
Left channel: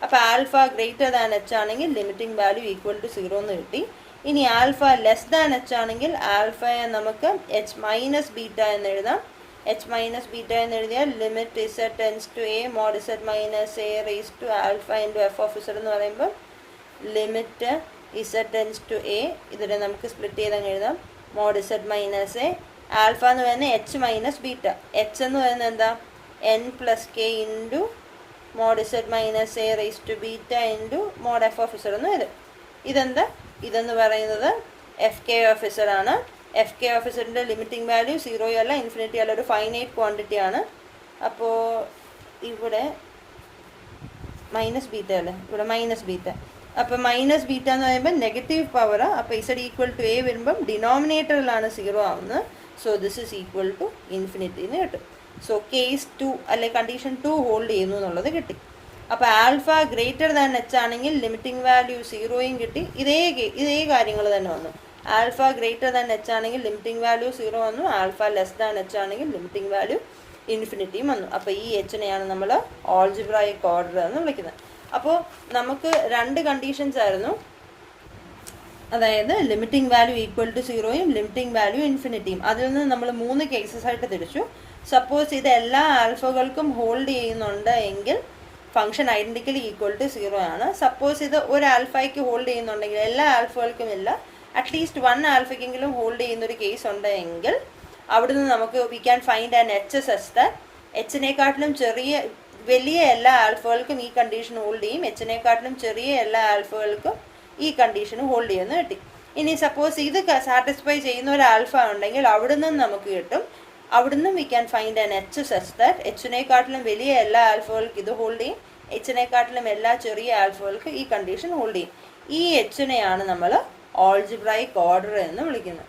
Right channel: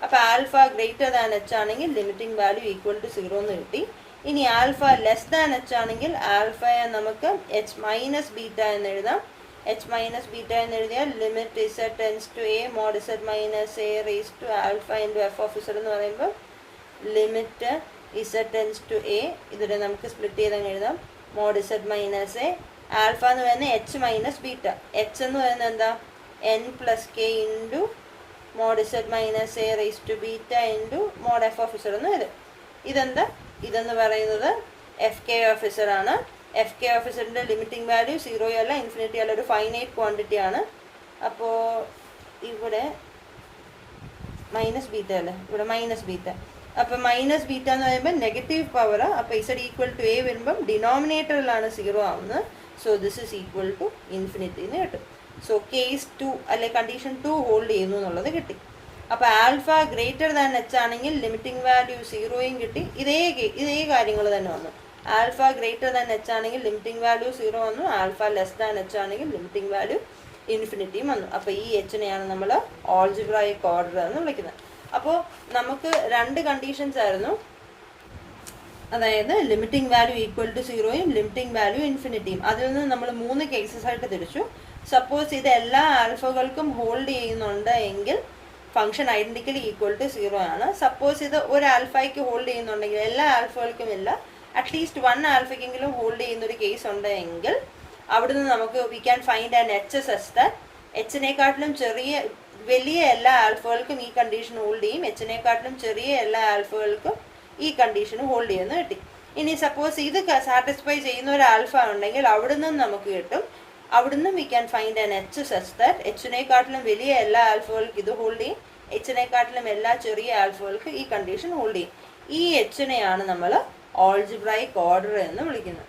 അപ്പോൾ ആൽഫ ഗ്രേറ്റർ ദാൻ h ആണെങ്കിൽ ലിമിറ്റിംഗ് വാല്യൂ ഈക്വൽ ടു 0 എന്ന് കിട്ടി. ഇനി ആൽഫ ലെസ് ദാൻ h ആണെങ്കിൽ ആൽഫയെ നമുക്ക് h മൈനസ് ബീറ്റ എന്ന് എഴുതാം. h മൈനസ് ബീറ്റ എന്ന് എഴുതിയാൽ limit z tends to a mod z minus a raise to alpha into f of z എന്ന് പറയുമ്പോൾ limit z tends to a ഇതിനെ നമുക്ക് സ്പ്ലിറ്റ് ചെയ്തങ്ങ് എഴുതാം. mod z minus a alpha എന്ന് പറയുന്നത് h മൈനസ് ബീറ്റ. h എന്ന് പറയുന്നത് എന്താ n plus k into mod z minus a raise to beta into mod f of z എന്ന് വരും. ഇതെന്ന് പറയുന്നത് എഫ് കെ ഓഫ് z ആണ്. എഫ് കെ ഓഫ് സെറ്റിൻ്റെ ലിമിറ്റിംഗ് വാല്യൂ 0 അല്ല ഇൻഫിനിറ്റി അല്ല, ഒരു ഫൈനൈറ്റ് ക്വാണ്ടിറ്റി ആണ്. അപ്പോൾ ഇവിടെ മൈനസ് ബീറ്റ അല്ലേ, ഇവിടെ മൈനസ് ബീറ്റ. അപ്പോൾ മൈനസ് ബീറ്റ എന്ന് പറയുമ്പോൾ നെഗറ്റീവ് പവർ. അപ്പോൾ z ഈക്വൽ ടു a വരുമ്പം ഡിനോമിനേറ്ററിലാണ് 0 ആവുന്നത്. So this is equal to infinity എന്ന് കിട്ടും. സോ കേസ് 2 അല്ലെ കണ്ടീഷൻ 2 ഹോൾഡ് ചെയ്യുന്നു എന്നുള്ളത് കിട്ടി. അപ്പോൾ ആൽഫ ഗ്രേറ്റർ ദാൻ h ആണെങ്കിൽ ലിമിറ്റിംഗ് വാല്യൂ 0യും കിട്ടി. ഇതേ കാര്യങ്ങൾ തന്നെ വന്നു. ആൽഫ ഗ്രേറ്റർ ദാൻ h ആണെങ്കിൽ ലിമിറ്റിംഗ് വാല്യൂ 0 വന്നു. ആൽഫ ലെസ് ദാൻ h ആണെങ്കിൽ ലിമിറ്റിംഗ് വാല്യൂ ഇൻഫിനിറ്റിയും വന്നു. അപ്പോൾ ഈ എച്ചിനെയാണ് നമ്മൾ ഓൾജിബ്രായിക് ഓർഡർ എന്ന് വിളിക്കുന്നത്. അപ്പോൾ നമുക്ക് 2 കണ്ടീഷൻസ് ആയിരുന്നു, അതായത് ലിമിറ്റിംഗ് വാല്യൂ ഈക്വൽ ടു 0യും ലിമിറ്റിംഗ് വാല്യൂ ഇൻഫിനിറ്റിയും. അതിൽ നിന്ന് നമ്മൾ 3 കേസസ് ആയിട്ട് തിരിച്ചു. സപ്പോസ് ഇത് എല്ലാ ആൽഫകൾക്കും ഹോൾഡ് ചെയ്യുന്നുണ്ട് എങ്കിൽ ഫംഗ്ഷൻ ഐഡന്റിക്കലി ഈക്വൽ ടു 0 ആണ്. സപ്പോസ് ഇത് ഒരു ആൽഫയ്ക്ക് ഹോൾഡ് ചെയ്യുന്നുണ്ടെങ്കിൽ എല്ലാ ആൽഫകൾക്കും ഇല്ല, അറ്റ്ലീസ്റ്റ് 1 ആൽഫയ്ക്കെങ്കിലും ഹോൾഡ് ചെയ്യുന്ന ഒരു കേസ് ഉണ്ടെങ്കിൽ അവിടുന്ന് നമുക്ക് we can find an H such that എച്ചിനെക്കാട്ടിലും വലിയ എല്ലാ ആൽഫകൾക്കും ഈ കണ്ടീഷൻ ഹോൾഡ് ചെയ്യും, എച്ചിനെക്കാട്ടിലും ചെറിയ എല്ലാ ആൽഫകൾക്കും ഈ കണ്ടീഷൻ ഹോൾഡ് ചെയ്യുമെന്ന് കിട്ടി. ഇനി സപ്പോസ് ഇത് സാറ്റിസ്ഫൈ ചെയ്യുന്ന ഒരു ആൽഫ ഉണ്ടെങ്കിൽ അവിടുന്ന് നമുക്ക് കിട്ടും, അവിടുന്ന് we can find an H such that എച്ചിനെക്കാട്ടിലും വലിയ എല്ലാ ആൽഫകൾക്കും ഇത് ഹോൾഡ് ചെയ്യും, എച്ചിനെക്കാട്ടിലും എല്ലാ ചെറിയ ആൽഫകൾക്ക് ഈ കണ്ടീഷൻ ഹോൾഡ് ചെയ്യും. ഈ എച്ചിനെയാണ് നമ്മൾ ഓൾജിബ്രായിക് ഓർഡർ എന്ന് വിളിക്കുന്നത്.